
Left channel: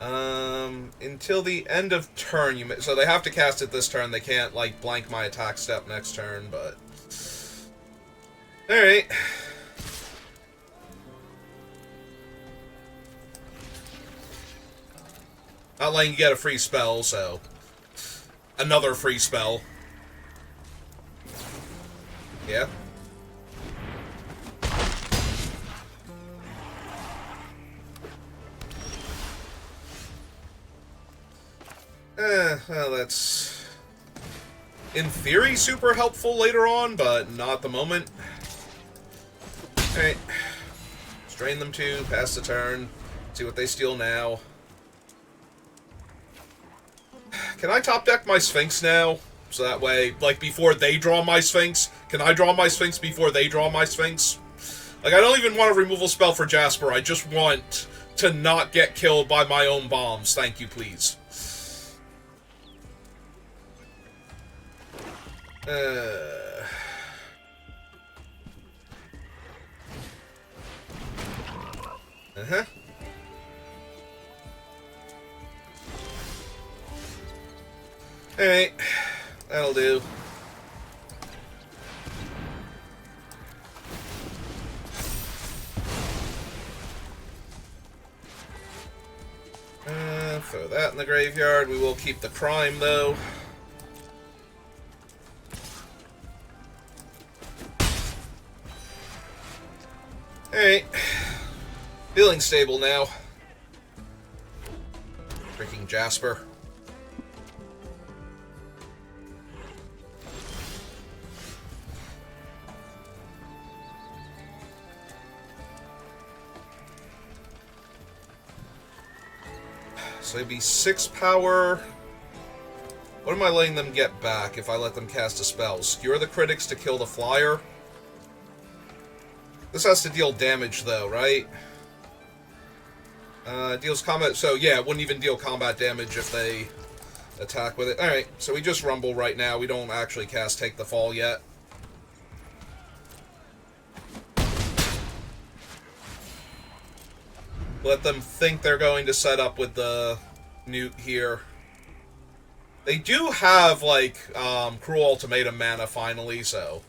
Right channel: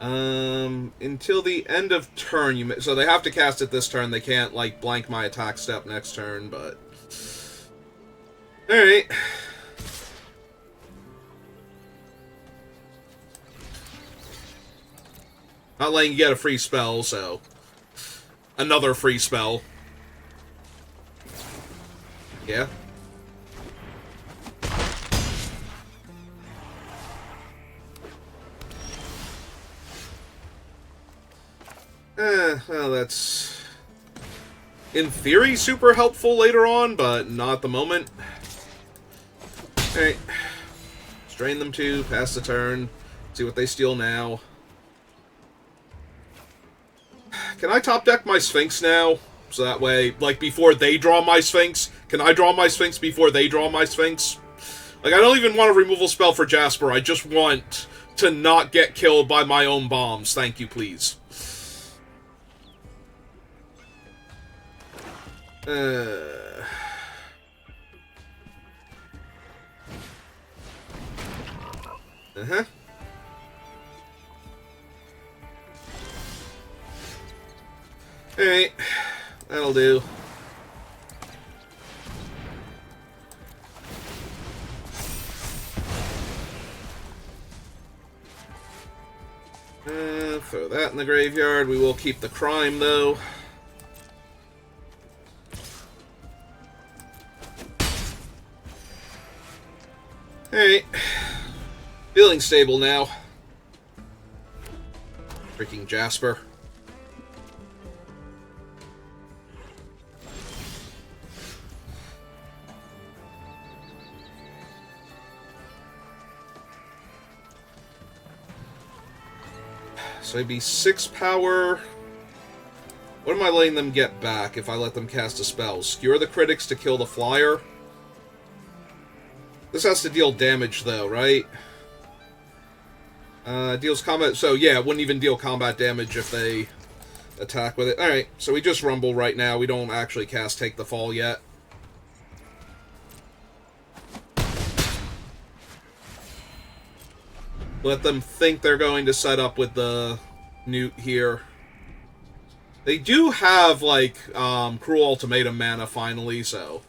until the end of turn, so they have to cast it this turn. They can't, like, blank my attack step next turn, but... Alright. Not letting you get a free spell, so... Another free spell. Yeah. Well, that's... in theory, super helpful later on, but not at the moment. Alright. Strain them 2, pass the turn. See what they steal now. Can I top deck my Sphinx now? So that way, like, before they draw my Sphinx, can I draw my Sphinx before they draw my Sphinx? Like, I don't even want a removal spell for Jasper. I just want to not get killed by my own bombs. Thank you, please. Uh-huh. Alright. That'll do. Throw that in the graveyard. We will keep the crime, though. Alright. Feeling stable now. Freaking Jasper. So it'd be 6 power. What am I letting them get back if I let them cast a spell? Skewer the critics to kill the flyer. This has to deal damage, though, right? Deals combat... So, yeah, it wouldn't even deal combat damage if they attack with it. Alright, so we just rumble right now. We don't actually cast Take the Fall yet. Let them think they're going to set up with the Newt here. They do have, like, Cruel Ultimatum mana, finally, so...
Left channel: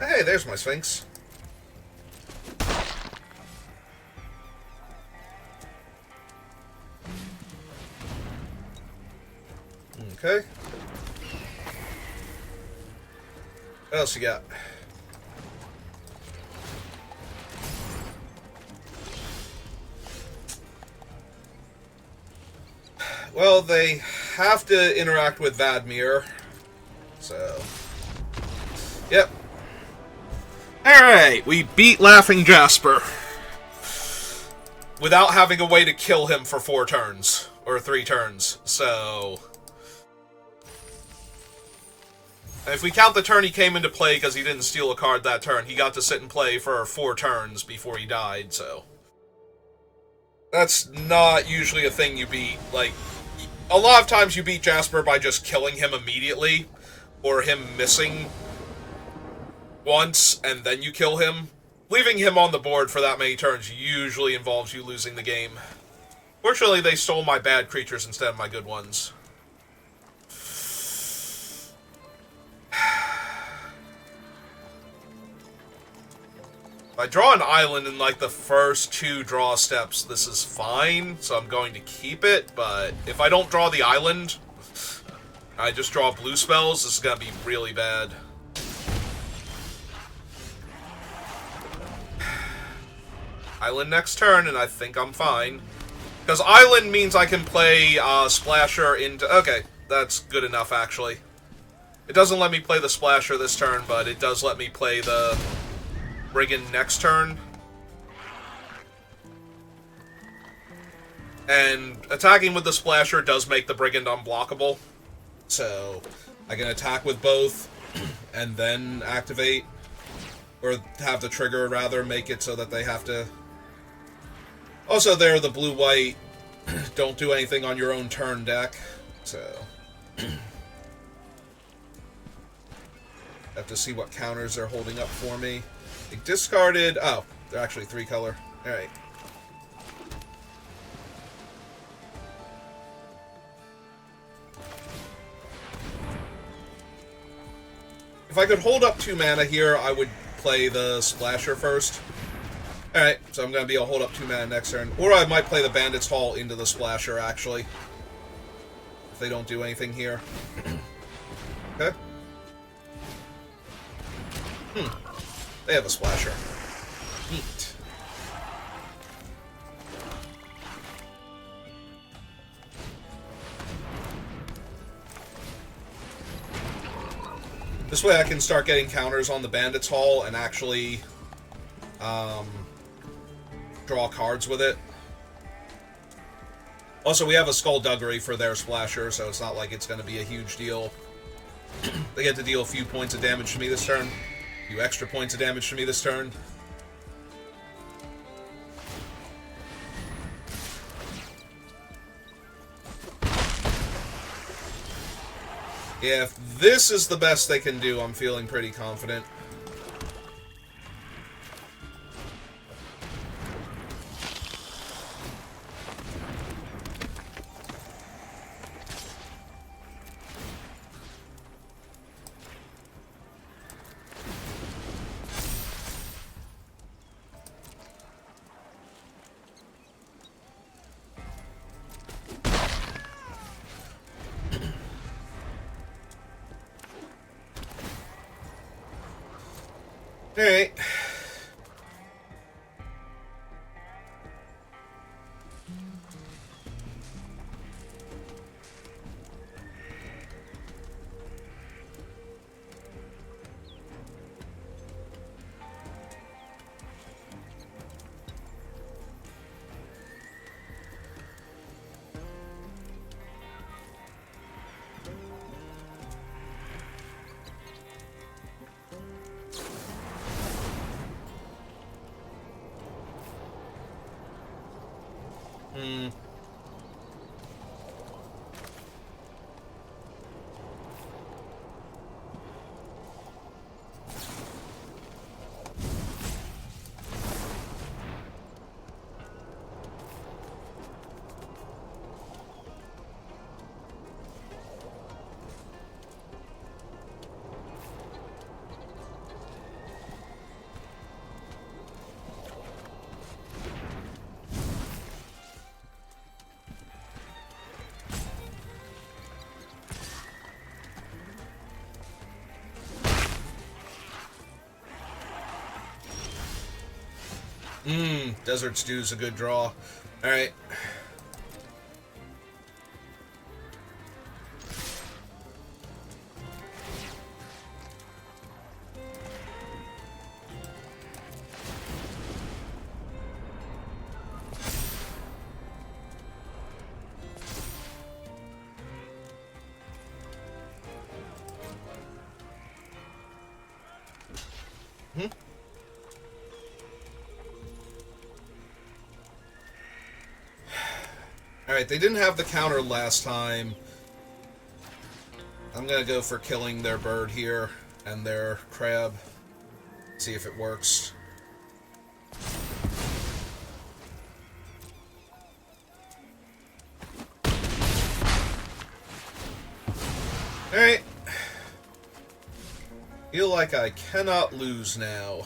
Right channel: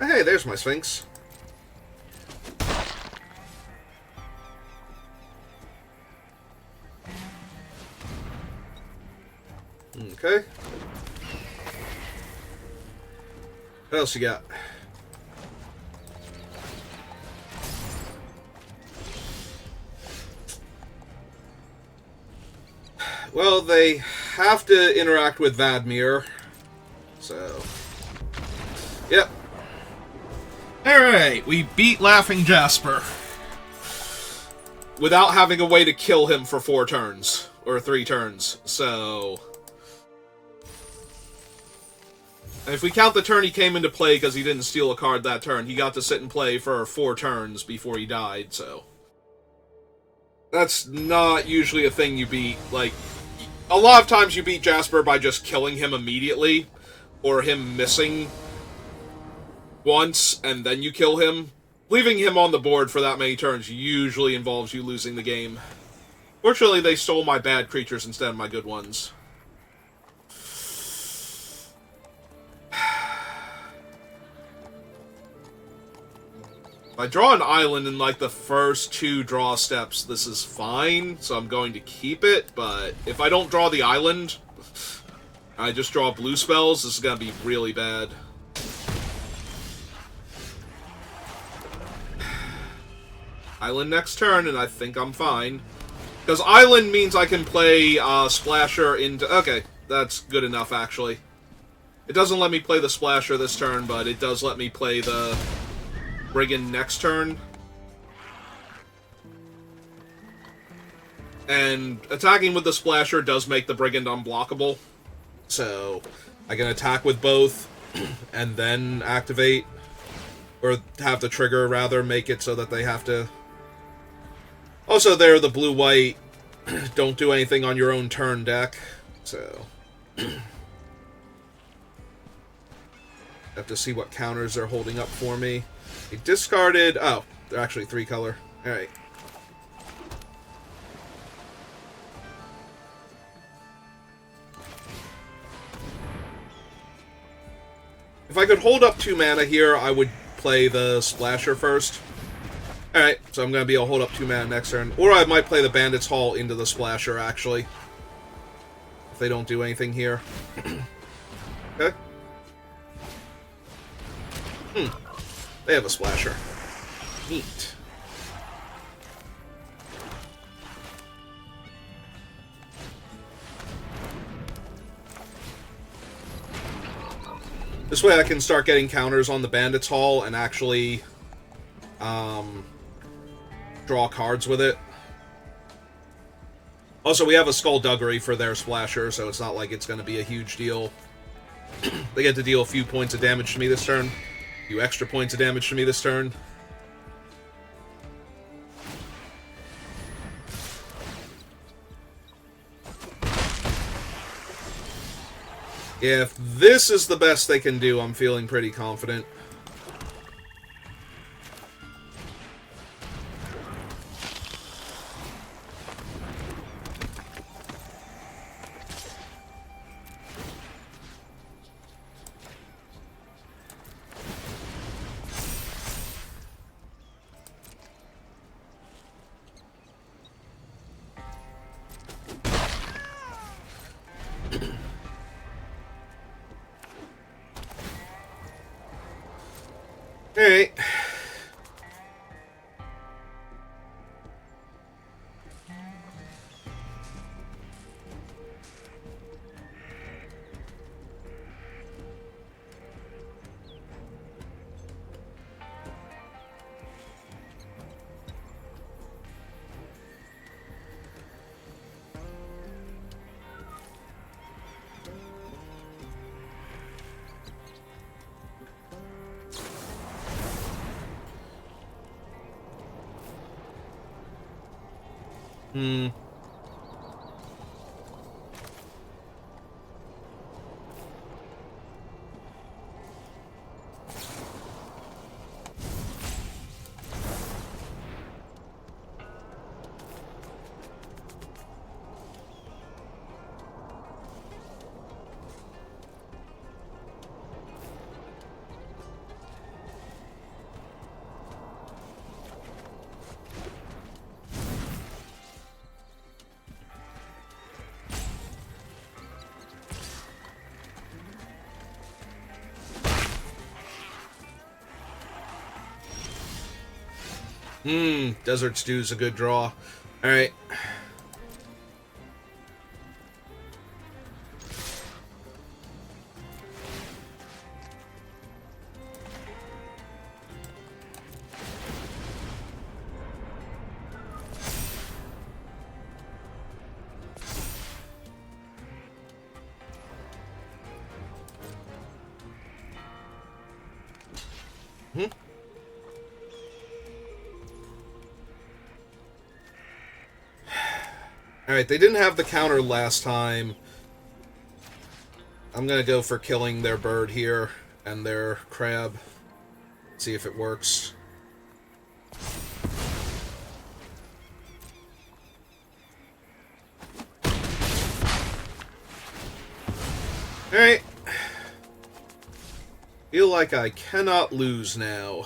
Hey, there's my Sphinx. Okay. What else you got? Well, they have to interact with Vadmir. So... Yep. Alright, we beat Laughing Jasper. Without having a way to kill him for 4 turns. Or 3 turns. So... if we count the turn he came into play because he didn't steal a card that turn, he got to sit and play for 4 turns before he died, so... that's not usually a thing you beat. Like, a lot of times you beat Jasper by just killing him immediately, or him missing once, and then you kill him. Leaving him on the board for that many turns usually involves you losing the game. Fortunately, they stole my bad creatures instead of my good ones. If I draw an island in, like, the first 2 draw steps, this is fine, so I'm going to keep it, but if I don't draw the island, I just draw blue spells, this is going to be really bad. Island next turn, and I think I'm fine. Because island means I can play Splasher into... okay, that's good enough, actually. It doesn't let me play the Splasher this turn, but it does let me play the Brigand next turn. And attacking with the Splasher does make the Brigand unblockable. So, I can attack with both, and then activate. Or have the trigger, rather, make it so that they have to... Also, they're the blue-white, don't do anything on your own turn deck, so... have to see what counters they're holding up for me. They discarded... oh, they're actually 3-color. Alright. If I could hold up 2 mana here, I would play the Splasher first. Alright, so I'm going to be able to hold up 2 mana next turn. Or I might play the Bandit's Hall into the Splasher, actually. If they don't do anything here. Okay. They have a Splasher. Neat. This way I can start getting counters on the Bandits Hall and actually draw cards with it. Also, we have a Skullduggery for their Splasher, so it's not like it's going to be a huge deal. They get to deal a few points of damage to me this turn. A few extra points of damage to me this turn. If this is the best they can do, I'm feeling pretty confident. Alright. Desert Stew's a good draw. Alright. Alright, they didn't have the counter last time. I'm gonna go for killing their bird here and their crab. See if it works. Alright. Feel like I cannot lose now.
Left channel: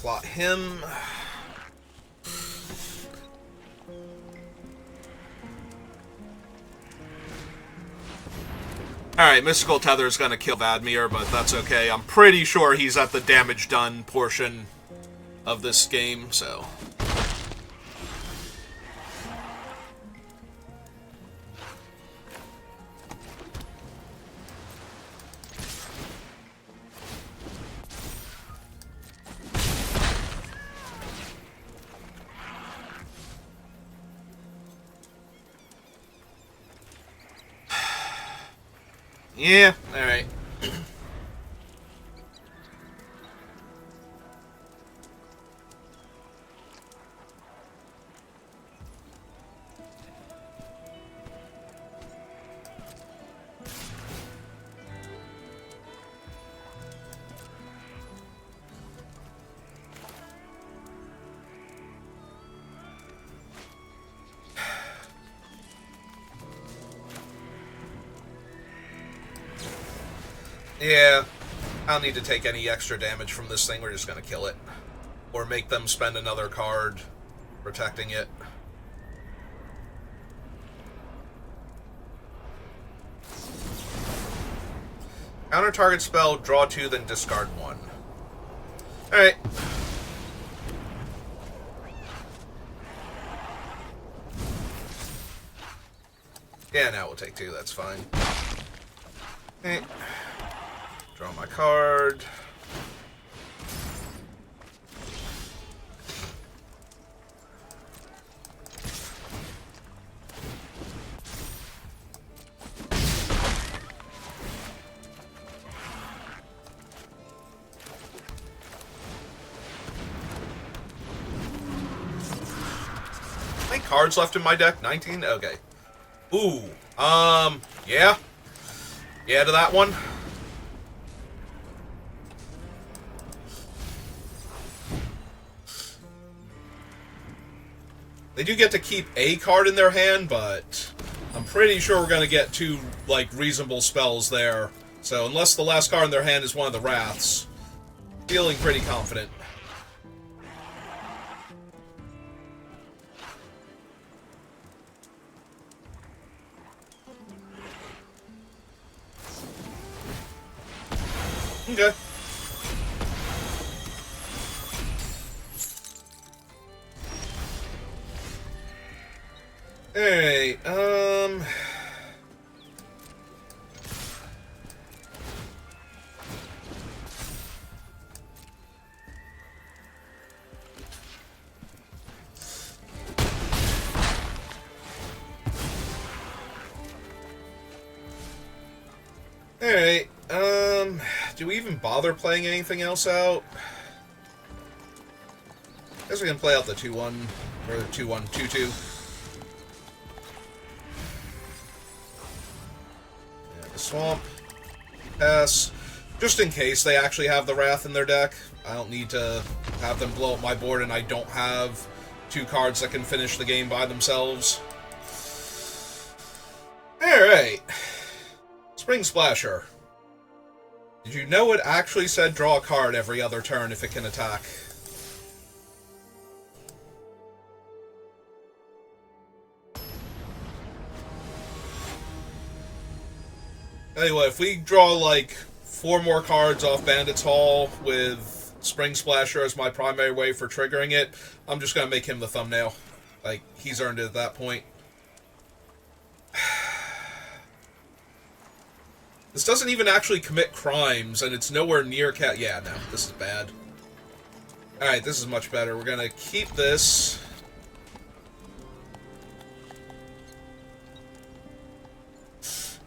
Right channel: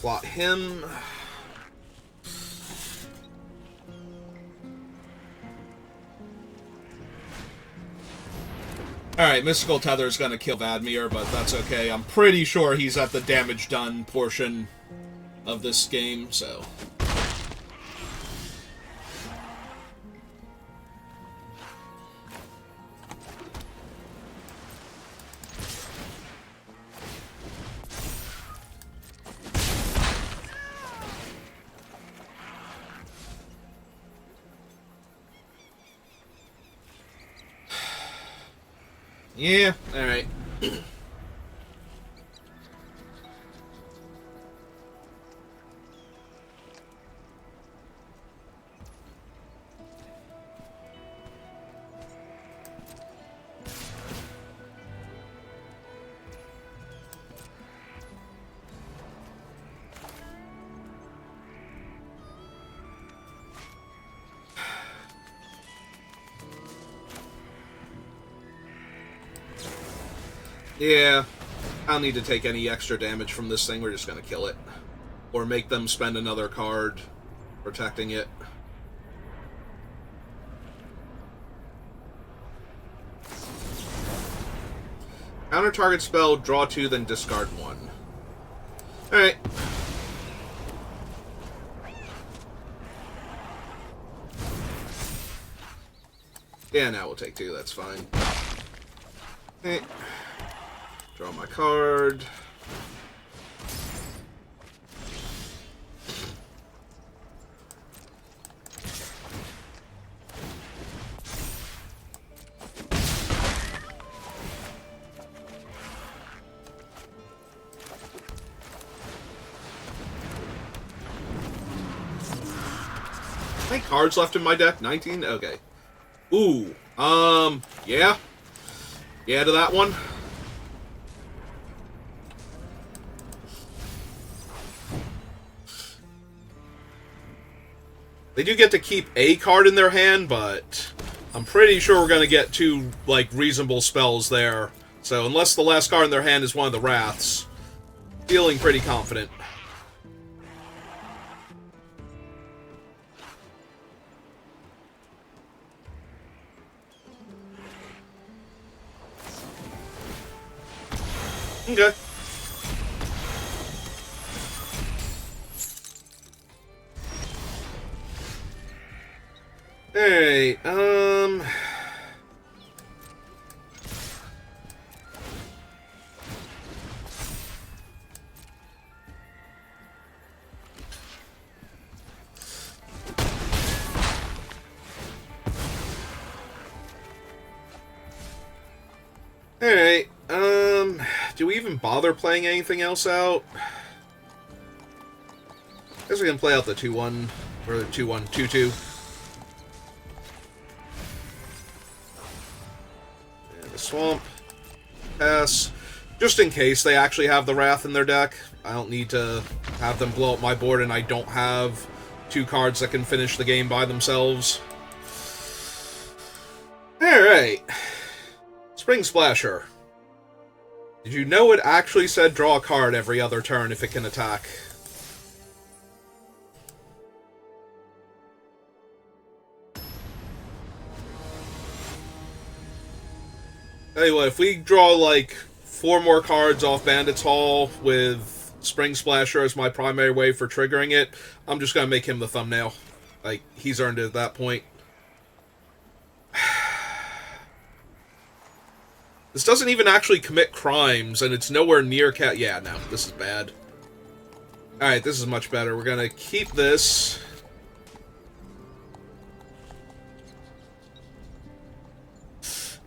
Plot him. Alright, Mystical Tether is going to kill Vadmir, but that's okay. I'm pretty sure he's at the damage done portion of this game, so... Yeah, alright. Yeah, I don't need to take any extra damage from this thing. We're just going to kill it. Or make them spend another card protecting it. Counter target spell, draw 2, then discard 1. Alright. Yeah, now we'll take 2. That's fine. Okay. Draw my card. How many cards left in my deck? 19? Okay. Ooh. Yeah. Yeah to that one. They do get to keep a card in their hand, but I'm pretty sure we're going to get 2, like, reasonable spells there. So unless the last card in their hand is one of the Wraths, feeling pretty confident. Okay. Alright, Alright, do we even bother playing anything else out? I guess we can play out the 2-1, or the 2-1, 2-2. Swamp. Pass. Just in case they actually have the Wrath in their deck. I don't need to have them blow up my board and I don't have 2 cards that can finish the game by themselves. Alright. Spring Splasher. Did you know it actually said draw a card every other turn if it can attack? Tell you what, if we draw like 4 more cards off Bandit's Hall with Spring Splasher as my primary way for triggering it, I'm just going to make him the thumbnail. Like, he's earned it at that point. This doesn't even actually commit crimes, and it's nowhere near cat. Yeah, no, this is bad. Alright, this is much better. We're going to keep this.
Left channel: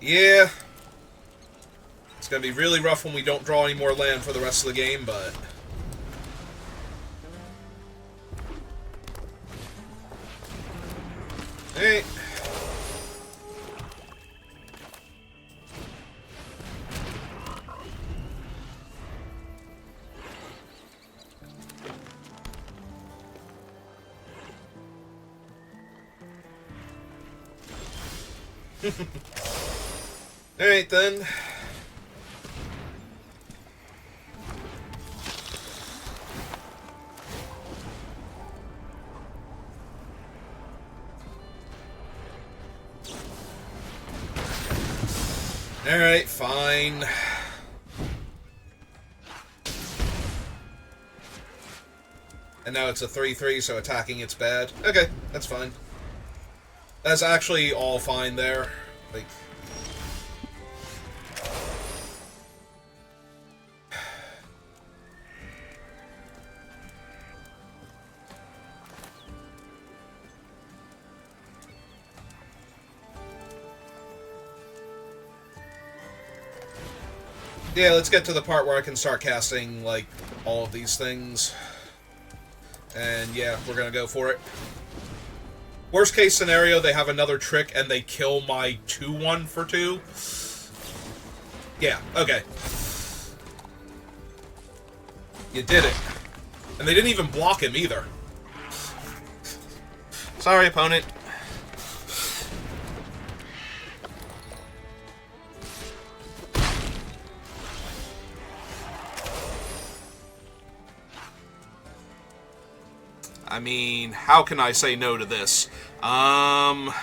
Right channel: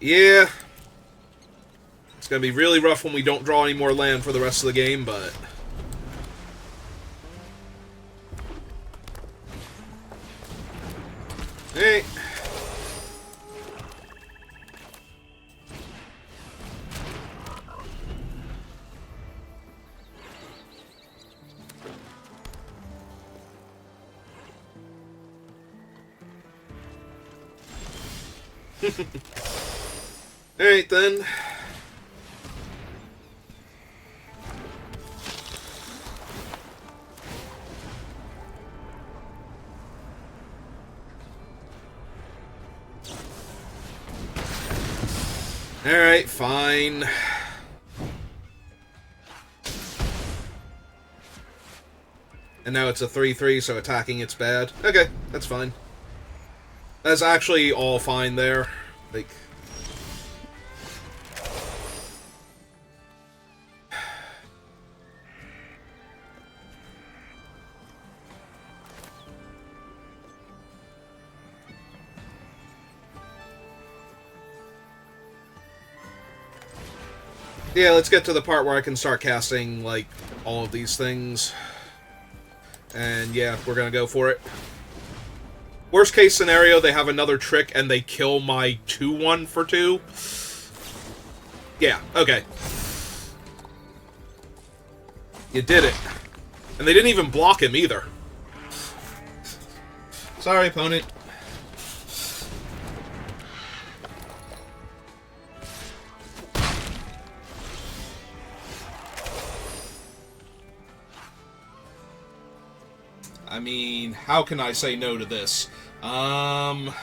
Yeah. It's going to be really rough when we don't draw any more land for the rest of the game, but... Hey. Alright then. Alright, fine. And now it's a 3-3, so attacking it's bad. Okay, that's fine. That's actually all fine there. Like... Yeah, let's get to the part where I can start casting, like, all of these things. And yeah, we're gonna go for it. Worst case scenario, they have another trick and they kill my 2-1 for 2. Yeah, okay. You did it. And they didn't even block him either. Sorry, opponent. I mean, how can I say no to this? Yeah,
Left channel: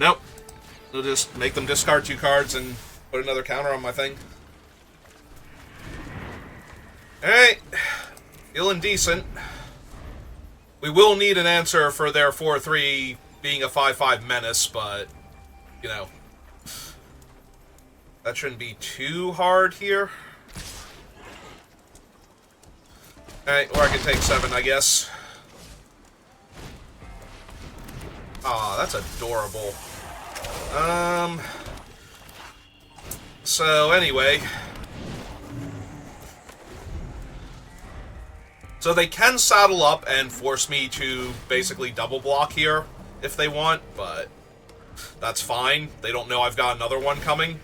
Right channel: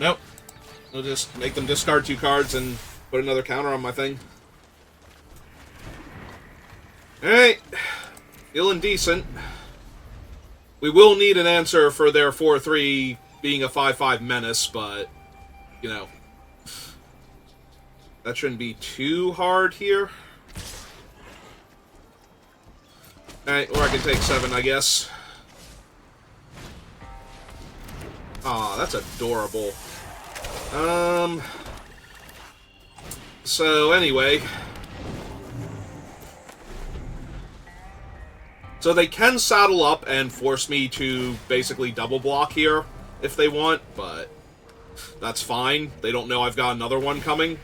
nope. We'll just make them discard 2 cards and put another counter on my thing. Alright. Feeling decent. We will need an answer for their 4-3 being a 5/5 menace, but, you know, that shouldn't be too hard here. Alright, or I can take 7, I guess. Aw, that's adorable. So anyway. So they can saddle up and force me to basically double block here if they want, but that's fine. They don't know I've got another one coming.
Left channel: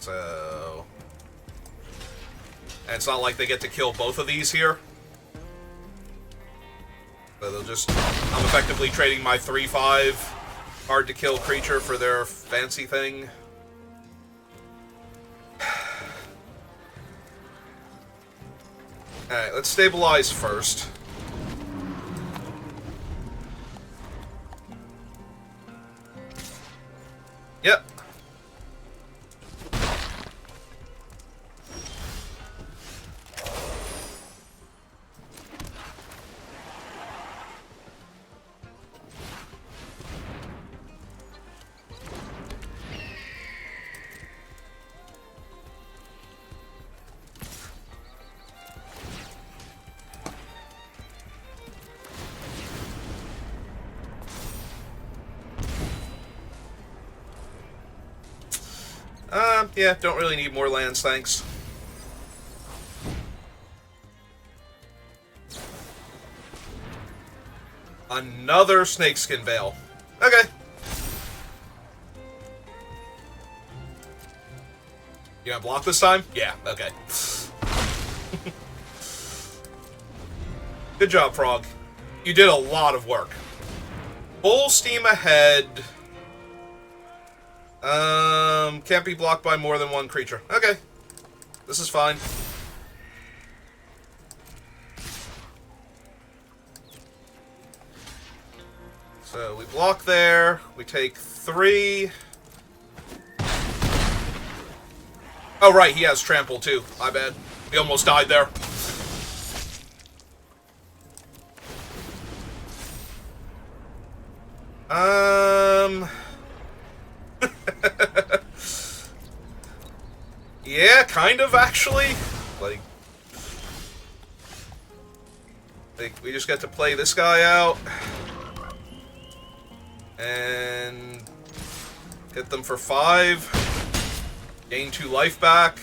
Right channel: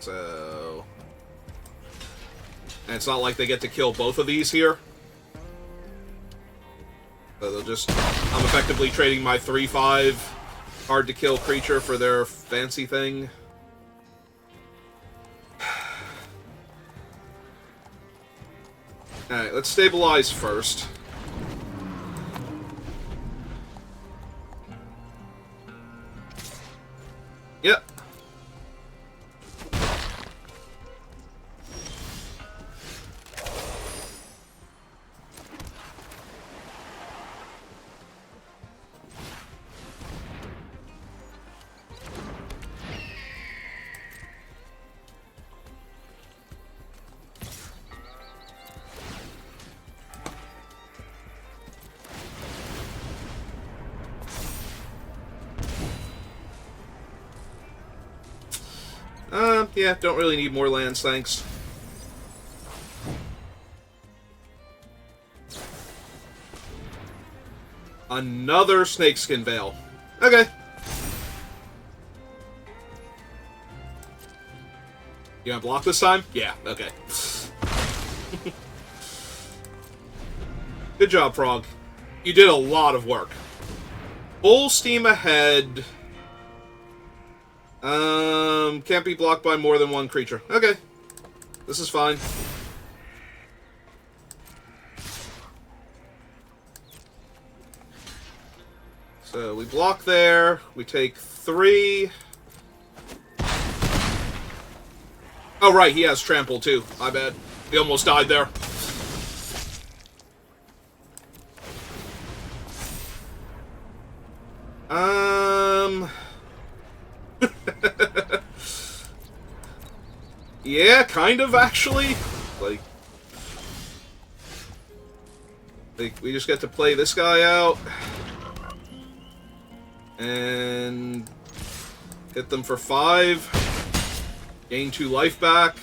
So... And it's not like they get to kill both of these here. So they'll just... I'm effectively trading my 3/5 hard-to-kill creature for their fancy thing. Alright, let's stabilize first. Yep. Yeah, don't really need more lands, thanks. Another Snakeskin Veil. Okay. You gonna block this time? Yeah, okay. Good job, Frog. You did a lot of work. Full steam ahead. Can't be blocked by more than one creature. Okay. This is fine. So we block there. We take 3. Oh, right, he has trample too. My bad. He almost died there. Yeah, kind of, actually. Like, we just get to play this guy out. And hit them for 5. Gain 2 life back.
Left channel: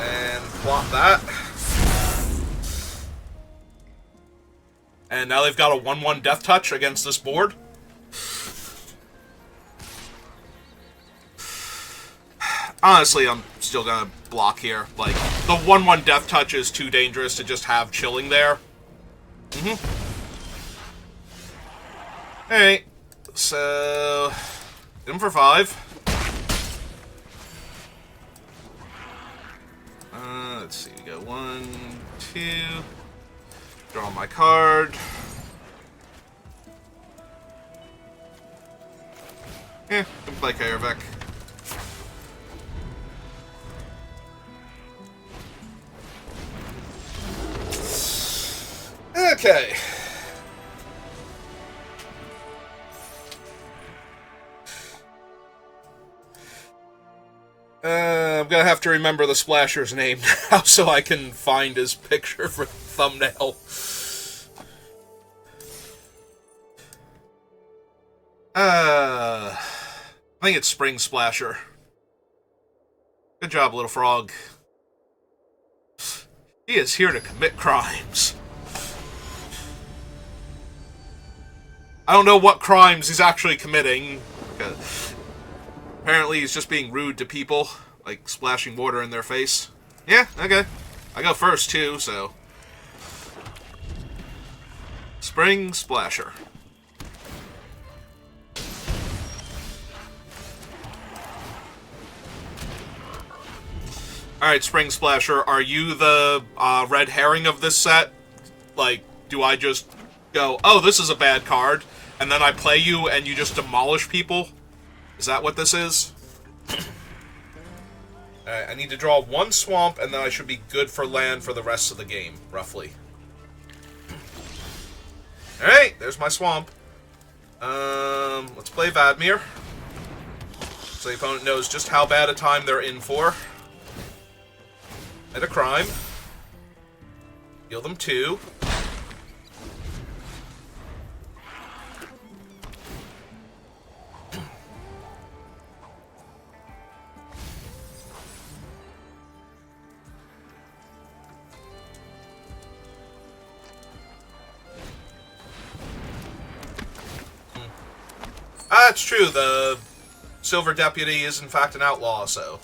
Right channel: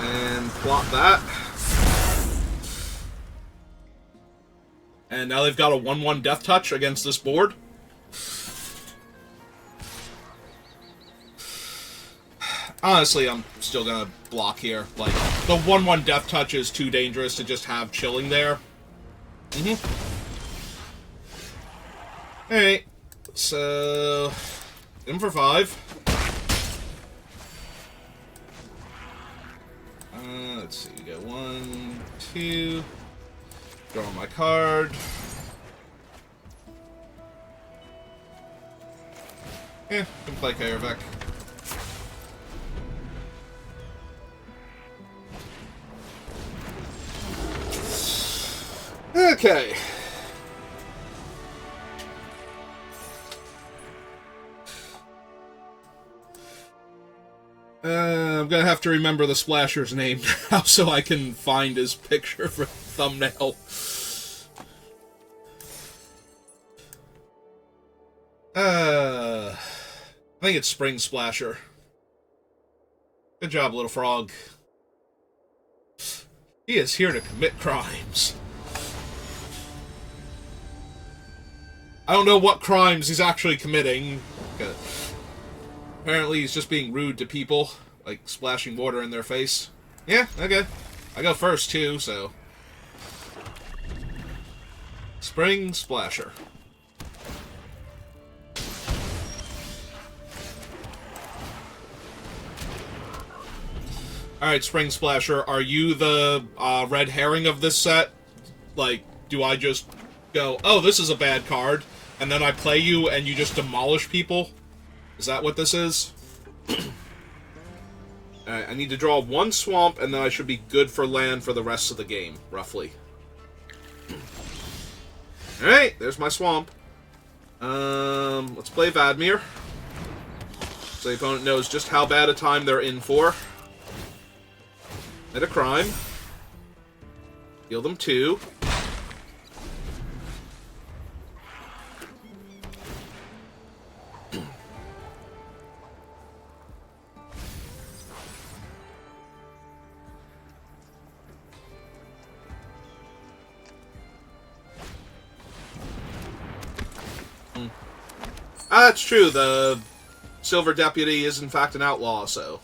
And plot that. And now they've got a 1/1 Death Touch against this board. Honestly, I'm still gonna block here. Like, the 1/1 Death Touch is too dangerous to just have chilling there. Alright. So... hit him for 5. Let's see, we go 1, 2... Draw my card. Can play Kaervek. Okay. I'm gonna have to remember the Splasher's name now so I can find his picture for the thumbnail. I think it's Spring Splasher. Good job, little frog. He is here to commit crimes. I don't know what crimes he's actually committing. Apparently he's just being rude to people, like splashing water in their face. Yeah, okay. I go first, too, so... Spring Splasher. Alright, Spring Splasher, are you the red herring of this set? Like, do I just go, oh, this is a bad card, and then I play you and you just demolish people? Is that what this is? Alright, I need to draw 1 swamp, and then I should be good for land for the rest of the game, roughly. Alright, there's my swamp. Let's play Vadmir. So the opponent knows just how bad a time they're in for. At a crime. Heal them 2. That's true, the Silver Deputy is in fact an outlaw, so...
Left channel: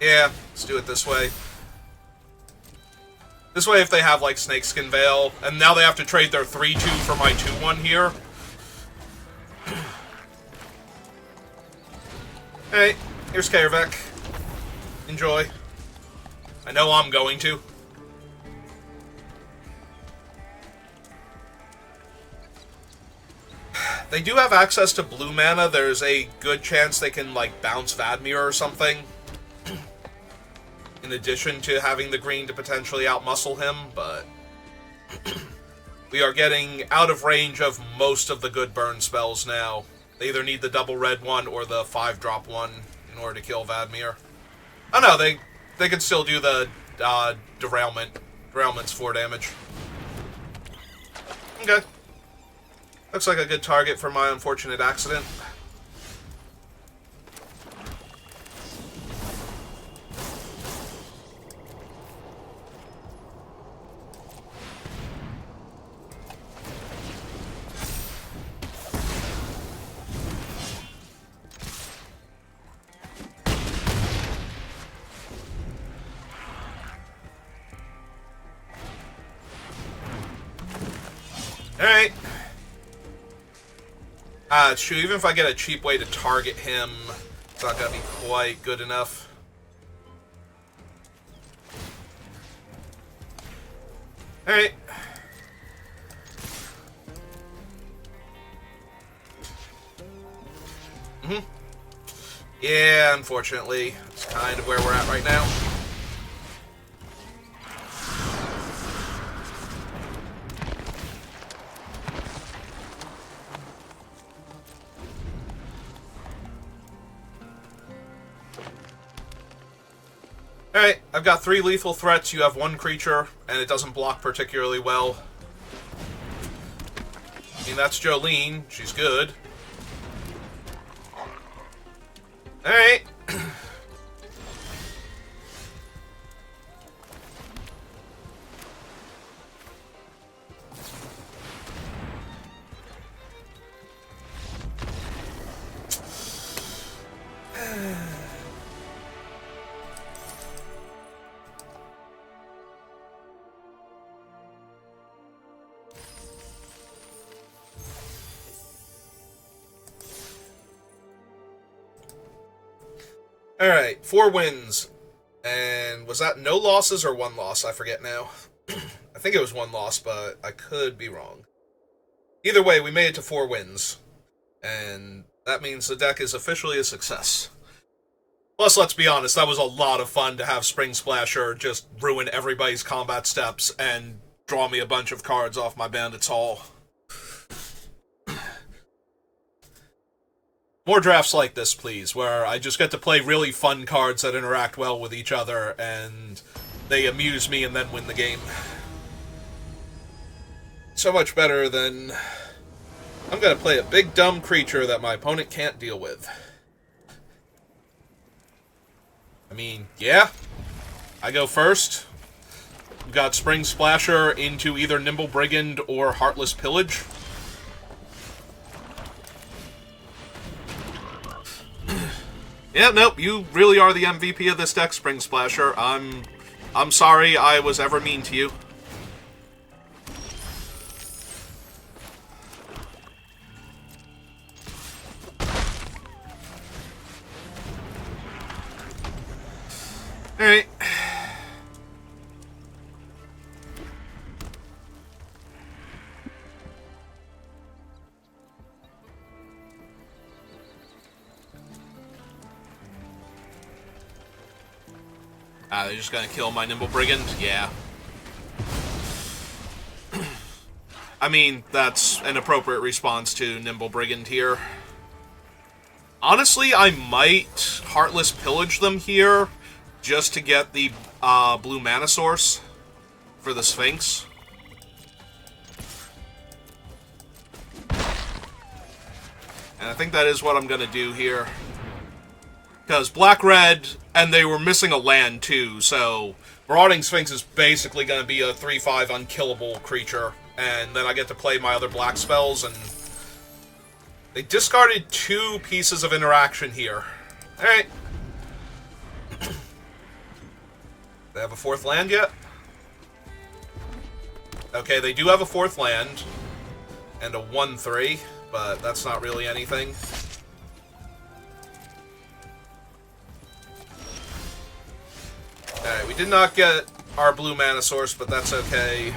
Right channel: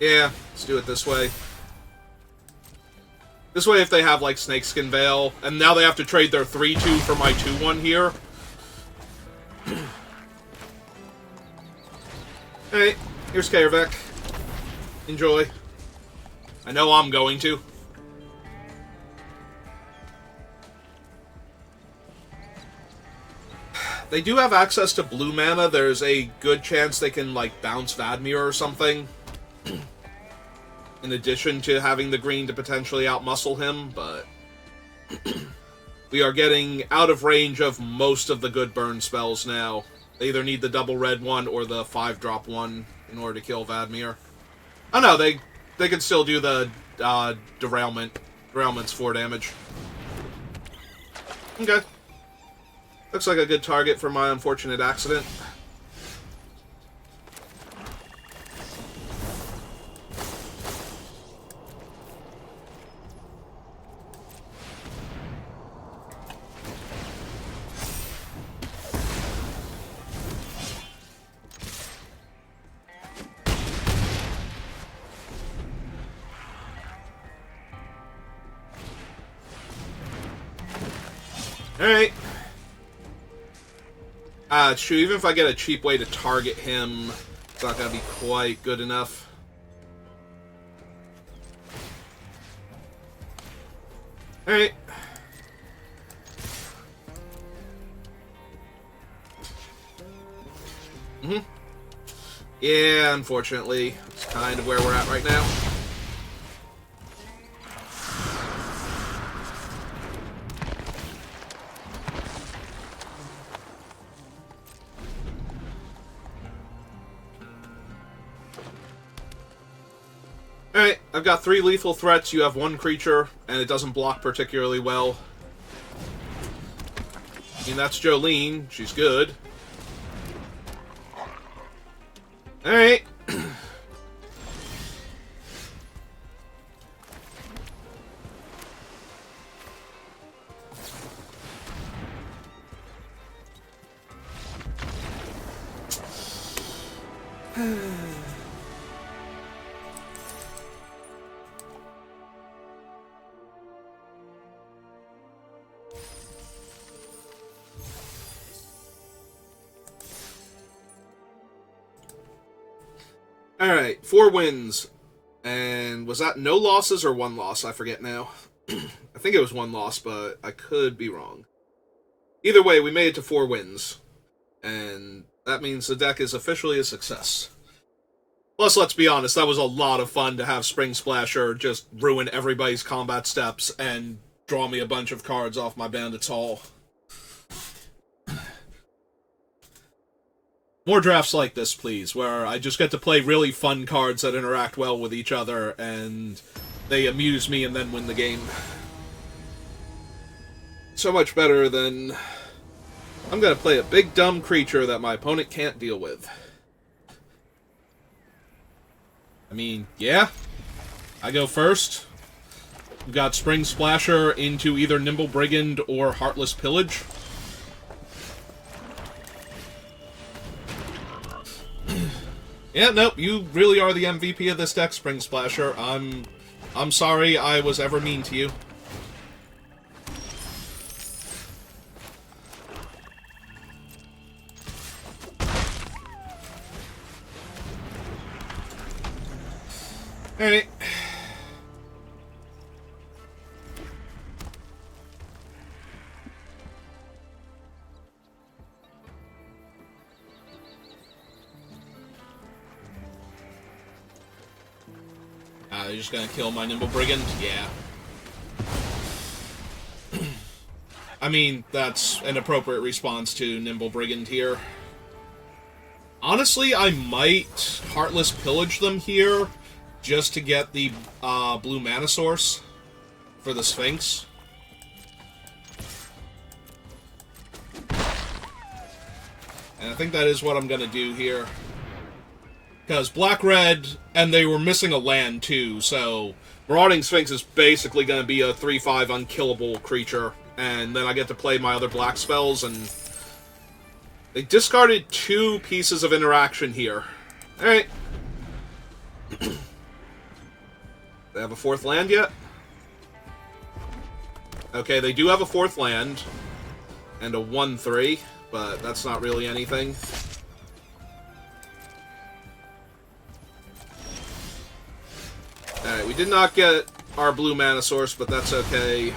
Yeah, let's do it this way. This way, if they have, like, Snakeskin Veil, and now they have to trade their 3-2 for my 2-1 here. Hey, here's Kaervek. Enjoy. I know I'm going to. They do have access to blue mana. There's a good chance they can, like, bounce Vadmir or something. In addition to having the green to potentially outmuscle him, but... we are getting out of range of most of the good burn spells now. They either need the double red one or the 5-drop one in order to kill Vadmir. Oh no, they can still do the derailment. Derailment's 4 damage. Okay. Looks like a good target for my unfortunate accident. Alright. It's true, even if I get a cheap way to target him, it's not gonna be quite good enough. Alright. Yeah, unfortunately, it's kind of where we're at right now. Alright, I've got 3 lethal threats, you have 1 creature, and it doesn't block particularly well. I mean, that's Jolene, she's good. Alright. Alright, 4 wins. And was that no losses or 1 loss? I forget now. I think it was 1 loss, but I could be wrong. Either way, we made it to 4 wins. And that means the deck is officially a success. Plus, let's be honest, that was a lot of fun to have Spring Splasher just ruin everybody's combat steps and draw me a bunch of cards off my Bandit's Hall. More drafts like this, please, where I just get to play really fun cards that interact well with each other, and they amuse me and then win the game. So much better than... I'm gonna play a big dumb creature that my opponent can't deal with. I mean, yeah. I go first. We've got Spring Splasher into either Nimble Brigand or Heartless Pillage. Yeah, nope, you really are the MVP of this deck, Spring Splasher. I'm sorry I was ever mean to you. Alright. They're just gonna kill my Nimble Brigand? Yeah. I mean, that's an appropriate response to Nimble Brigand here. Honestly, I might Heartless Pillage them here just to get the blue mana source for the Sphinx. And I think that is what I'm going to do here. Because black-red, and they were missing a land too, so Marauding Sphinx is basically going to be a 3/5 unkillable creature. And then I get to play my other black spells, and they discarded 2 pieces of interaction here. Alright. They have a 4th land yet? Okay, they do have a 4th land, and a 1/3, but that's not really anything. Alright, we did not get our blue mana source, but that's okay.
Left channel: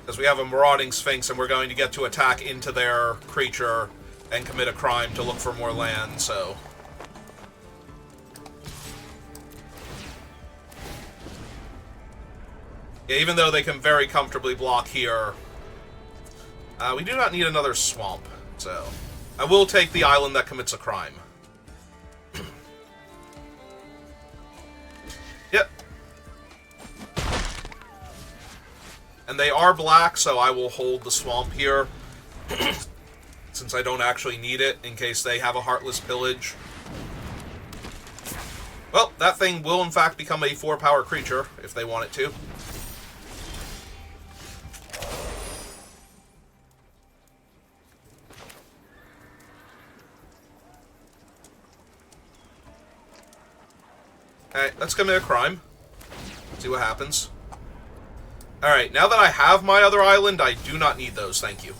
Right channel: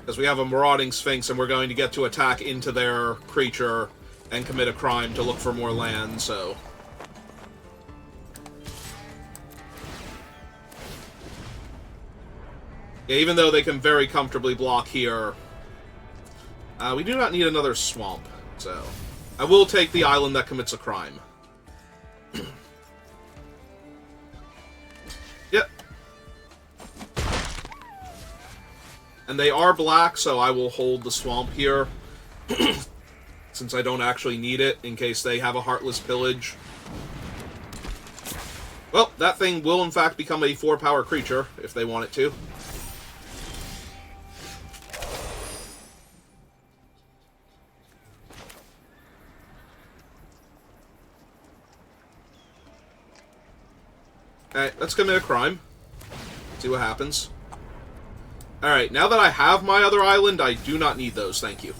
Because we have a Marauding Sphinx, and we're going to get to attack into their creature and commit a crime to look for more land, so... Yeah, even though they can very comfortably block here, we do not need another swamp, so... I will take the island that commits a crime. Yep. And they are black, so I will hold the swamp here. Since I don't actually need it, in case they have a Heartless Pillage. Well, that thing will in fact become a 4-power creature, if they want it to. Alright, let's commit a crime. See what happens. Alright, now that I have my other island, I do not need those, thank you.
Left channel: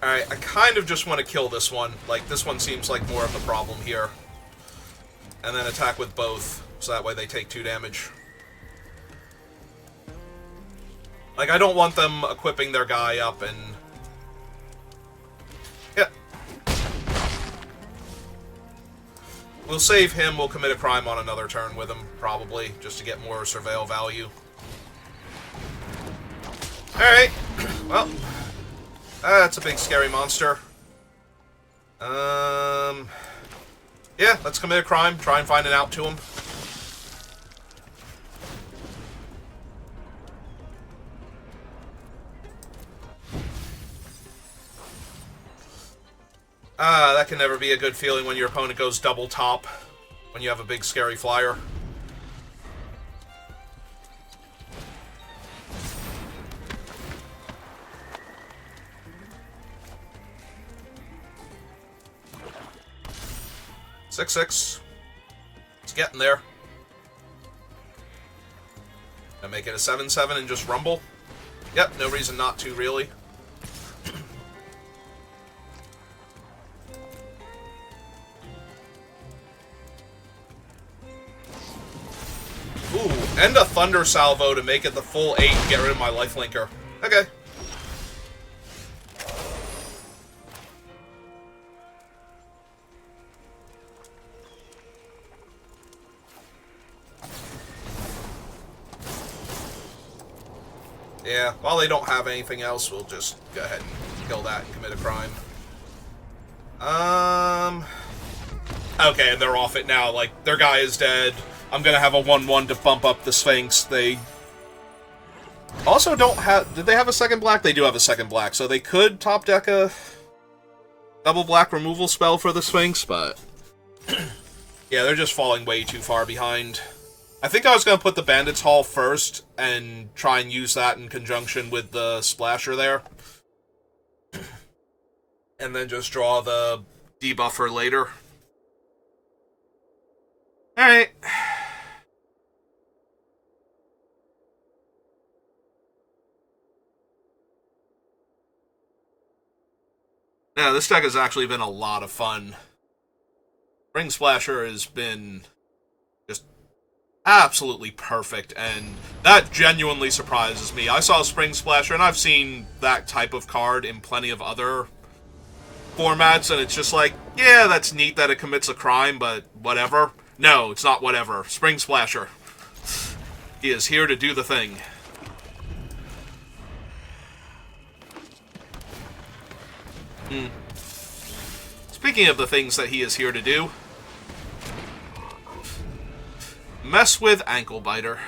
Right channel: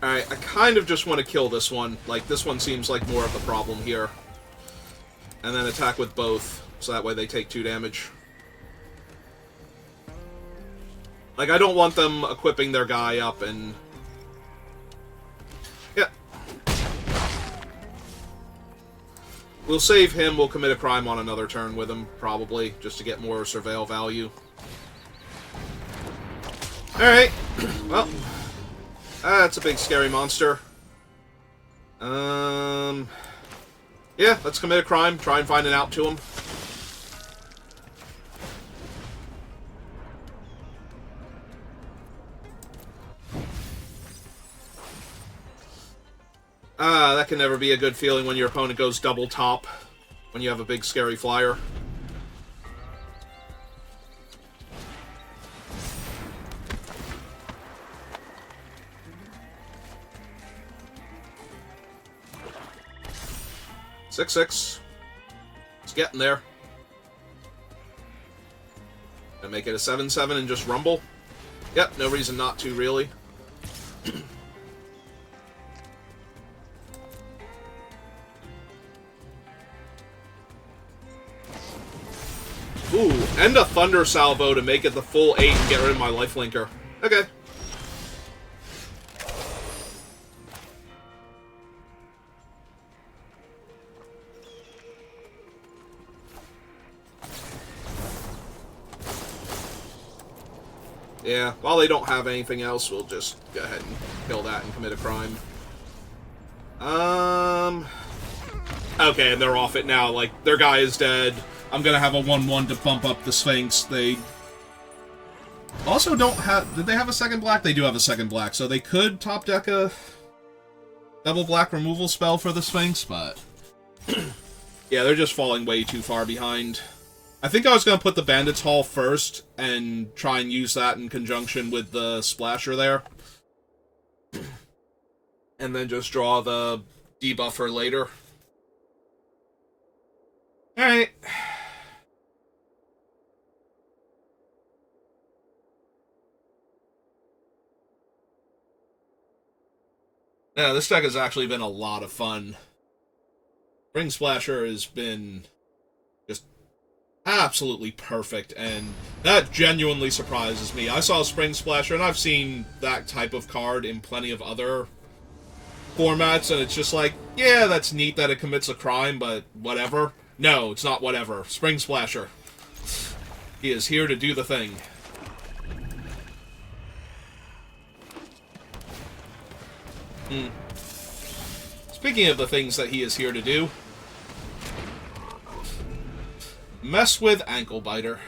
Alright, I kind of just want to kill this one. Like, this one seems like more of the problem here. And then attack with both, so that way they take 2 damage. Like, I don't want them equipping their guy up and... Yeah. We'll save him, we'll commit a crime on another turn with him, probably, just to get more surveil value. Alright, well... that's a big scary monster. Yeah, let's commit a crime, try and find an out to him. That can never be a good feeling when your opponent goes double top, when you have a big scary flyer. Six. It's getting there. Gonna make it a 7/7 and just rumble. Yep, no reason not to, really. Ooh, and a Thunder Salvo to make it the full 8 and get rid of my lifelinker. Okay. Yeah, while they don't have anything else, we'll just go ahead and kill that and commit a crime. Okay, and they're off it now. Like, their guy is dead. I'm gonna have a 1/1 to bump up the Sphinx. They also don't have... Did they have a second black? They do have a second black, so they could top deck a double black removal spell for the Sphinx, but... yeah, they're just falling way too far behind. I think I was gonna put the Bandit's Hall first and try and use that in conjunction with the Splasher there. And then just draw the debuffer later. Alright. Yeah, this deck has actually been a lot of fun. Spring Splasher has been just absolutely perfect, and that genuinely surprises me. I saw Spring Splasher, and I've seen that type of card in plenty of other formats, and it's just like, yeah, that's neat that it commits a crime, but whatever. No, it's not whatever. Spring Splasher. He is here to do the thing. Speaking of the things that he is here to do, mess with Ankle Biter.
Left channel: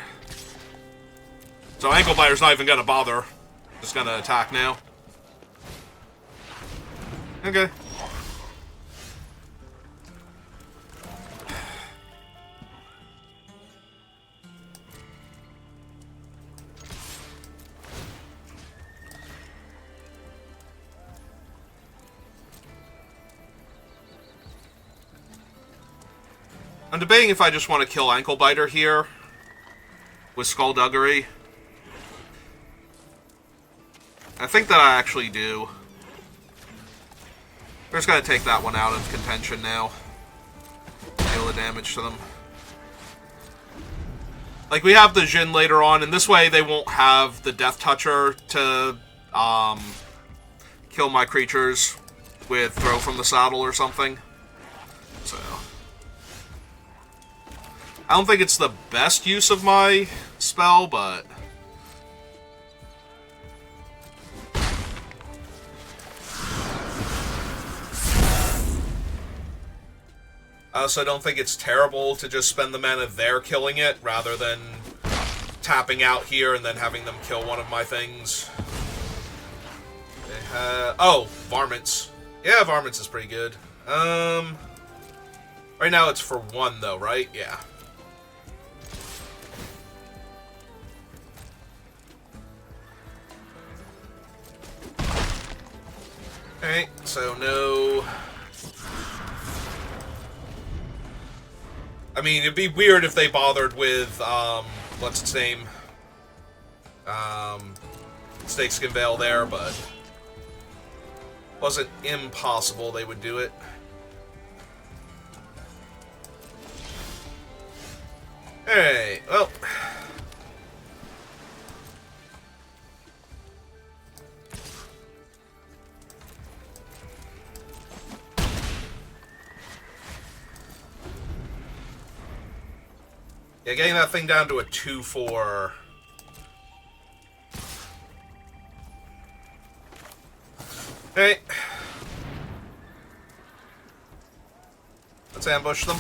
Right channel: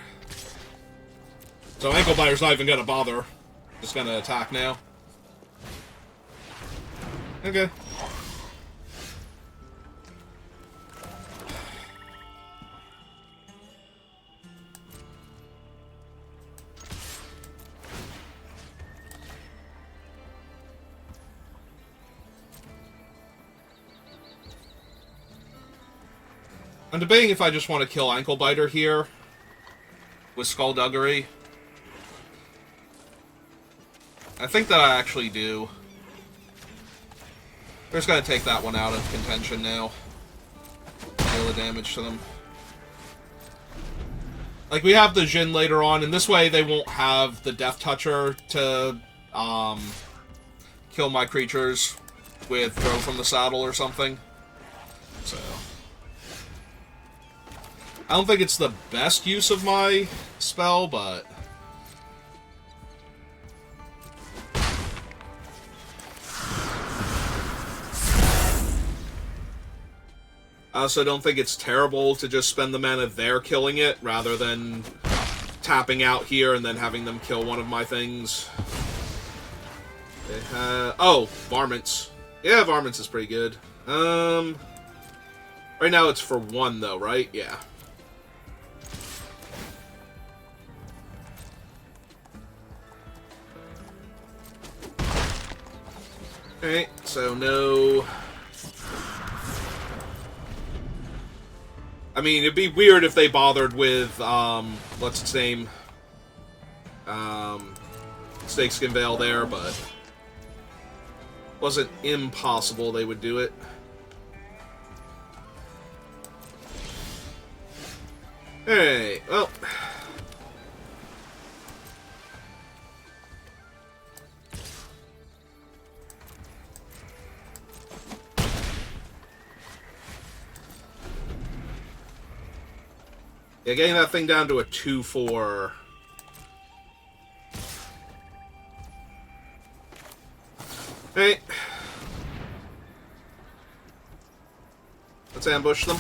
So Ankle Biter's not even gonna bother. Just gonna attack now. Okay. I'm debating if I just want to kill Ankle Biter here with Skullduggery. I think that I actually do. We're just going to take that one out of contention now. Deal the damage to them. Like, we have the Jin later on, and this way they won't have the Death Toucher to kill my creatures with Throw from the Saddle or something. So I don't think it's the best use of my spell, but I also don't think it's terrible to just spend the mana there killing it, rather than tapping out here and then having them kill one of my things. They have... Oh, Varmints. Yeah, Varmints is pretty good. Right now it's for 1, though, right? Yeah. Alright, so no... I mean, it'd be weird if they bothered with, what's its name? Snakeskin Veil there, but wasn't impossible they would do it. Alright, well... Yeah, getting that thing down to a 2-4. Alright. Let's ambush them.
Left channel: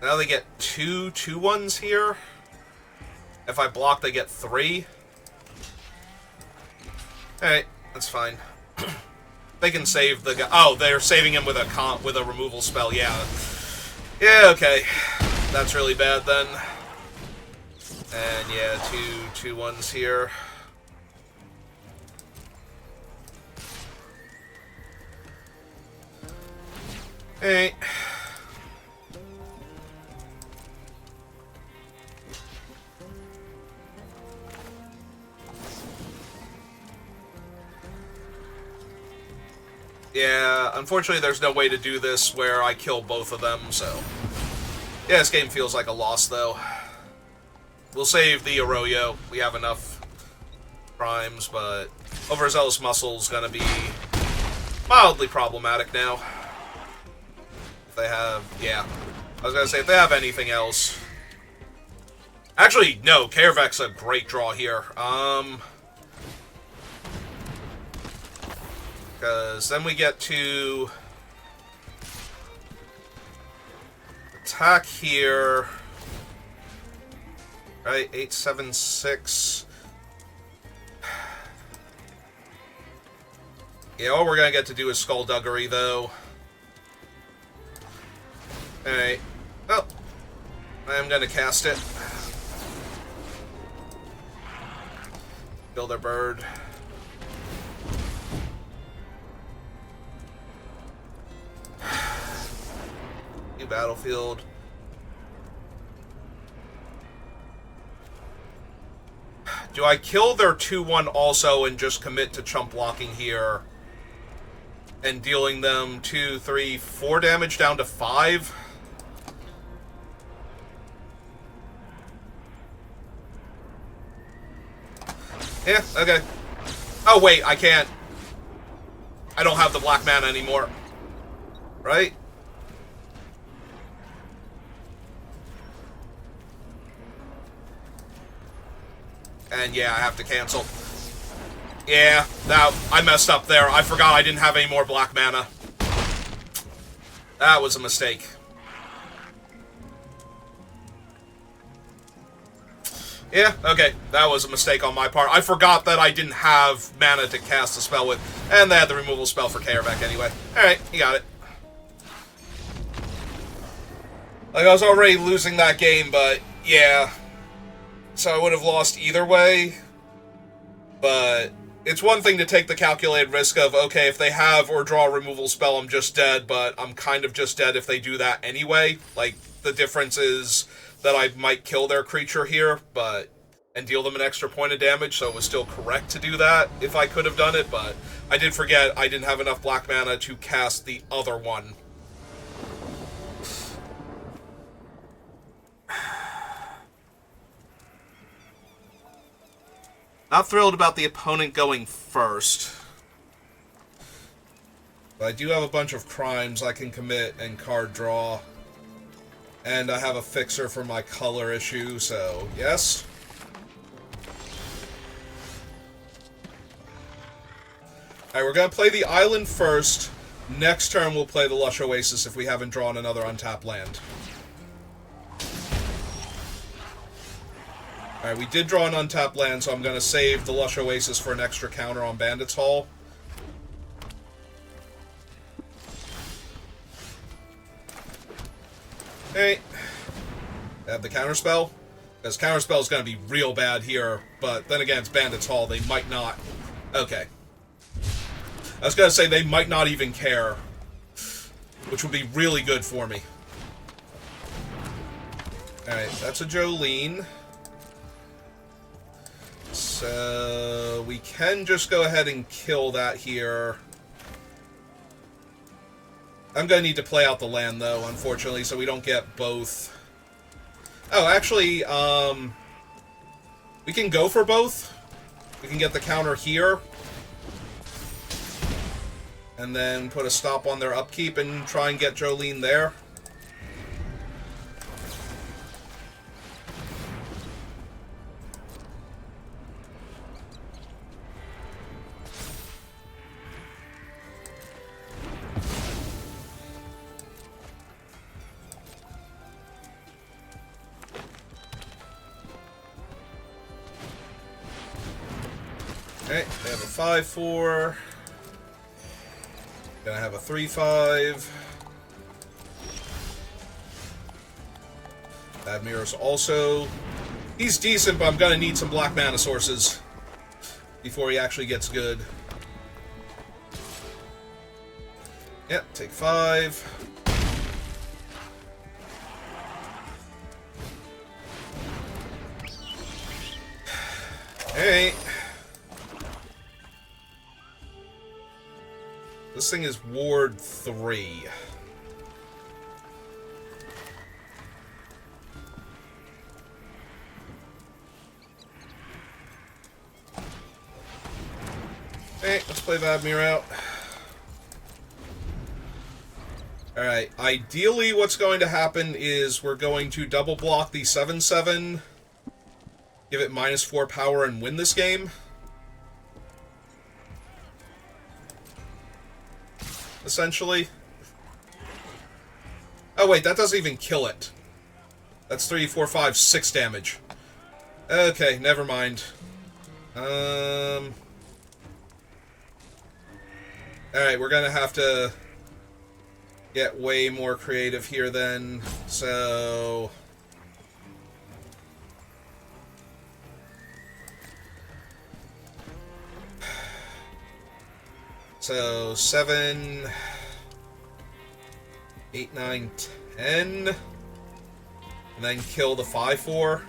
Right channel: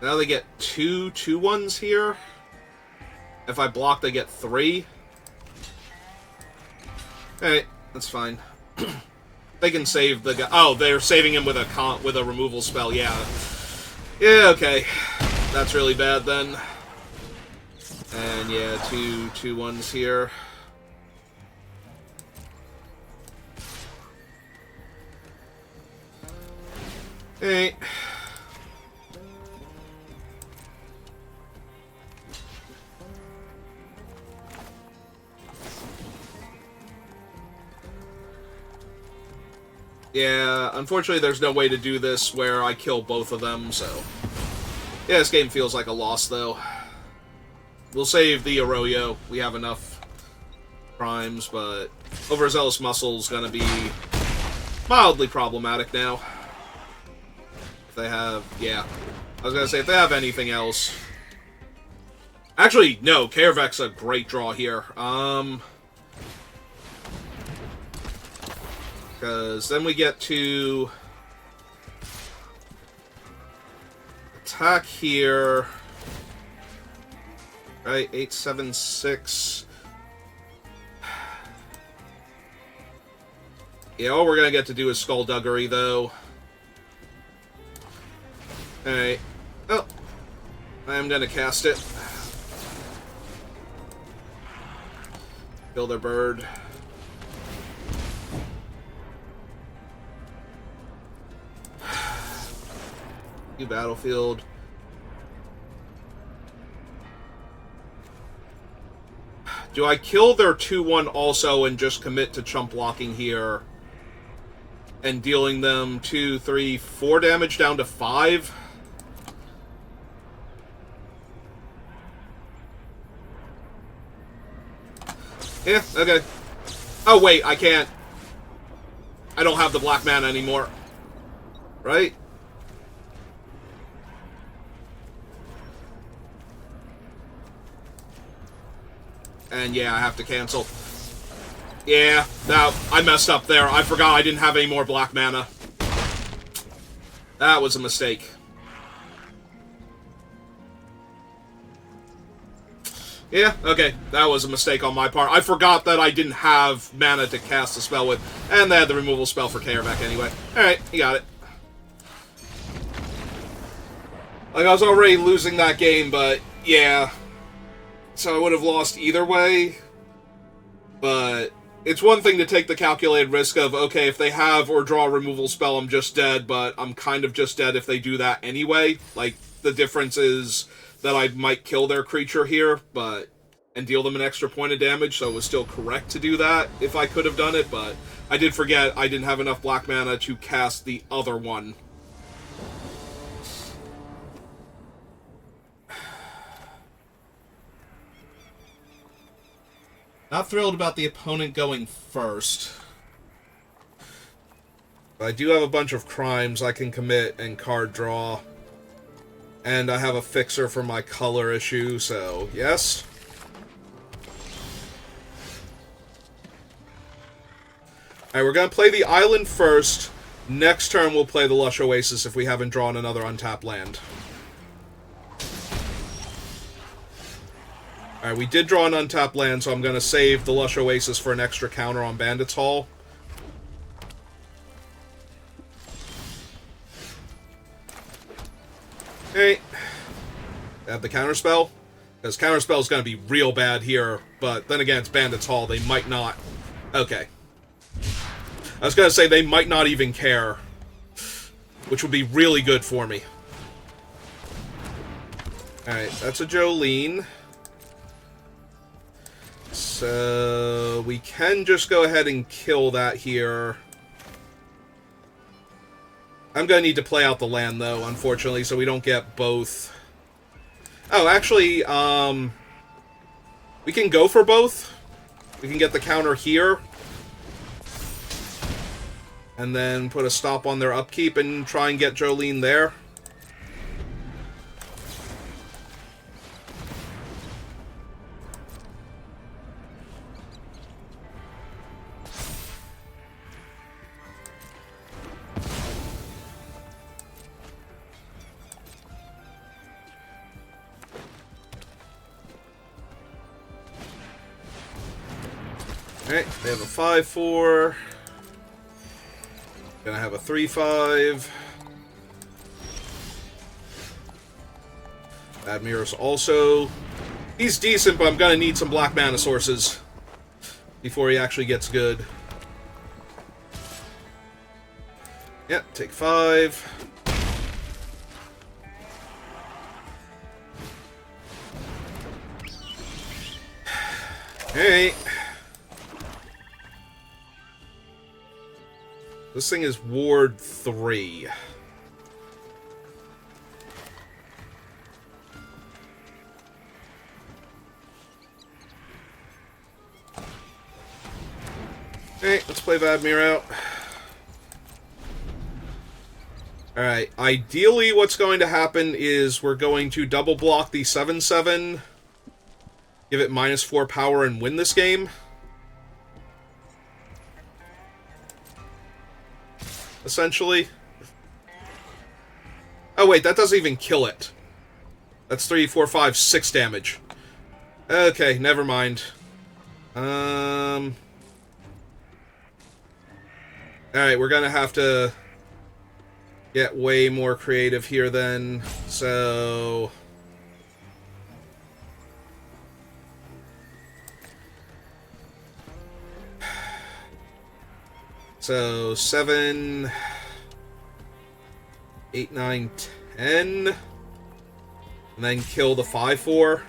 Now they get 2 2-1s here. If I block, they get 3. Alright. That's fine. They can save the guy. Oh, they're saving him with a removal spell. Yeah. Yeah. Okay. That's really bad then. And yeah, 2 2-1s here. Hey. Yeah, unfortunately there's no way to do this where I kill both of them, so... Yeah, this game feels like a loss, though. We'll save the Arroyo. We have enough primes, but Overzealous Muscle's gonna be mildly problematic now. If they have... Yeah. I was gonna say, if they have anything else... Actually, no, Caravec's a great draw here. Because then we get to attack here. Right, 876. Yeah, all we're gonna get to do is Skullduggery, though. Alright. Oh. I am gonna cast it. Kill their bird. New battlefield. Do I kill their 2-1 also and just commit to chump blocking here and dealing them 2, 3, 4 damage down to 5? Yeah, okay. Oh, wait, I can't. I don't have the black mana anymore. Right? And yeah, I have to cancel. Yeah, now I messed up there. I forgot I didn't have any more black mana. That was a mistake. Yeah, okay. That was a mistake on my part. I forgot that I didn't have mana to cast the spell with. And they had the removal spell for Kaervek anyway. Alright, you got it. Like, I was already losing that game, but yeah. So I would have lost either way. But it's one thing to take the calculated risk of, okay, if they have or draw a removal spell, I'm just dead, but I'm kind of just dead if they do that anyway. Like, the difference is that I might kill their creature here, and deal them an extra point of damage, so it was still correct to do that if I could have done it, but I did forget I didn't have enough black mana to cast the other one. Not thrilled about the opponent going first. I do have a bunch of crimes I can commit and card draw. And I have a fixer for my color issue, so yes. Alright, we're going to play the island first. Next turn we'll play the Lush Oasis if we haven't drawn another untapped land. Alright, we did draw an untapped land, so I'm going to save the Lush Oasis for an extra counter on Bandit's Hall. Okay. Add the counterspell. Because counterspell is going to be real bad here, but then again, it's Bandit's Hall. They might not. Okay. I was going to say they might not even care, which would be really good for me. Alright, that's a Jolene. So we can just go ahead and kill that here. I'm going to need to play out the land, though, unfortunately, so we don't get both. Oh, actually, we can go for both. We can get the counter here. And then put a stop on their upkeep and try and get Jolene there. Okay, they have a 5/4. Gonna have a 3/5. Admir's also... He's decent, but I'm gonna need some black mana sources before he actually gets good. Yep, take 5. Hey. This thing is Ward 3. Okay, let's play Vadmir out. Alright, ideally what's going to happen is we're going to double block the 7/7, give it -4 power, and win this game. Essentially. Oh wait, that doesn't even kill it. That's 3, 4, 5, 6 damage. Okay, never mind. Alright, we're gonna have to get way more creative here then. So... So, 7, 8, 9, 10, and then kill the 5/4.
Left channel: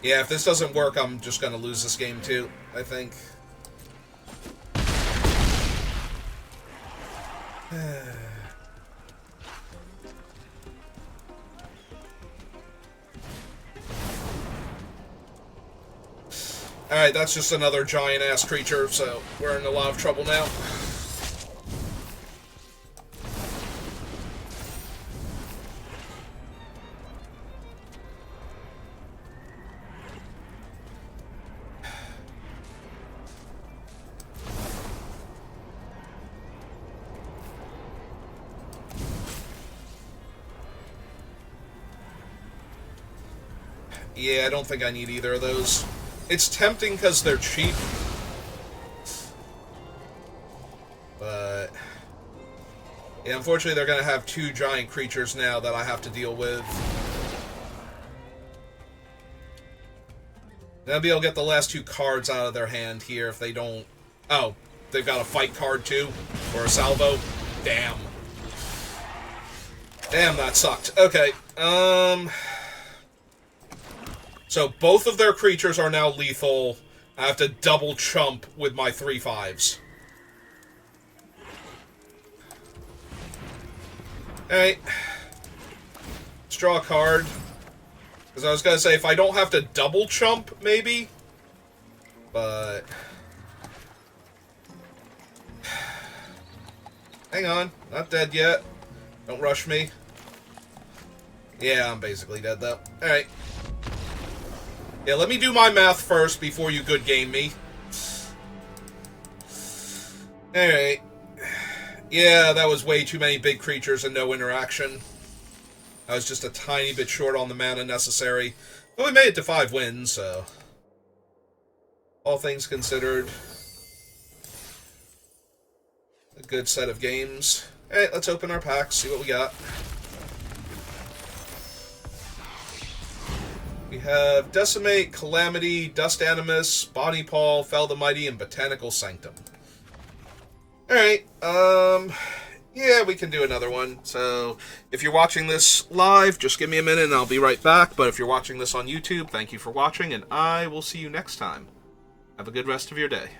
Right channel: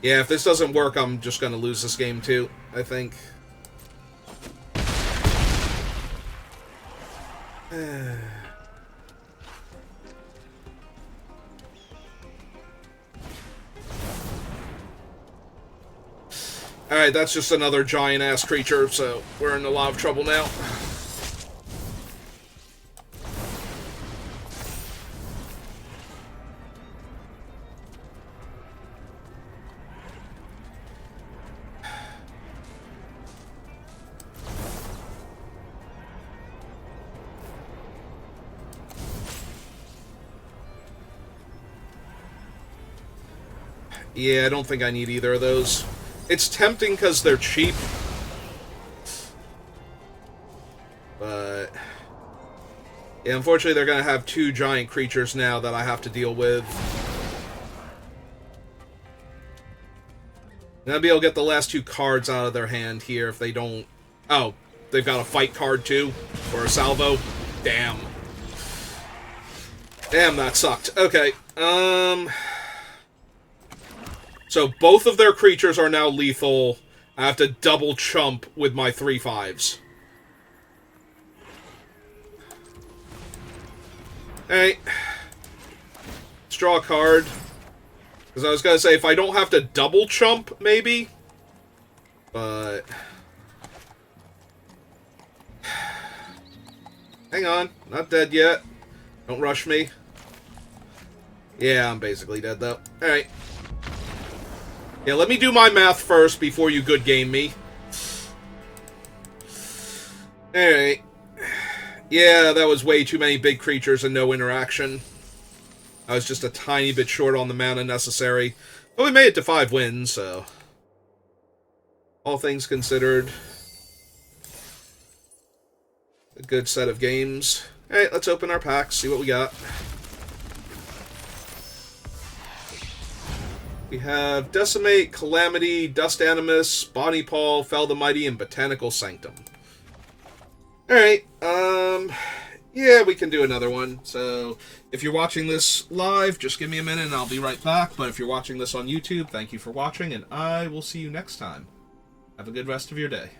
Yeah, if this doesn't work, I'm just going to lose this game too, I think. Alright, that's just another giant-ass creature, so we're in a lot of trouble now. Yeah, I don't think I need either of those. It's tempting because they're cheap. But... yeah, unfortunately they're going to have two giant creatures now that I have to deal with. And I'll be able to get the last two cards out of their hand here if they don't... oh, they've got a fight card too? Or a salvo? Damn. Damn, that sucked. Okay, so both of their creatures are now lethal. I have to double chump with my 3/5s. Alright. Let's draw a card. Because I was going to say, if I don't have to double chump, maybe. But... hang on. Not dead yet. Don't rush me. Yeah, I'm basically dead, though. Alright. Yeah, let me do my math first before you good game me. Alright. Yeah, that was way too many big creatures and no interaction. I was just a tiny bit short on the mana necessary. But we made it to 5 wins, so... all things considered... a good set of games. Alright, let's open our packs, see what we got. We have Decimate, Calamity, Dust Animus, Bonnie Paul, Fell the Mighty, and Botanical Sanctum. Alright, yeah, we can do another one. So, if you're watching this live, just give me a minute and I'll be right back. But if you're watching this on YouTube, thank you for watching, and I will see you next time. Have a good rest of your day.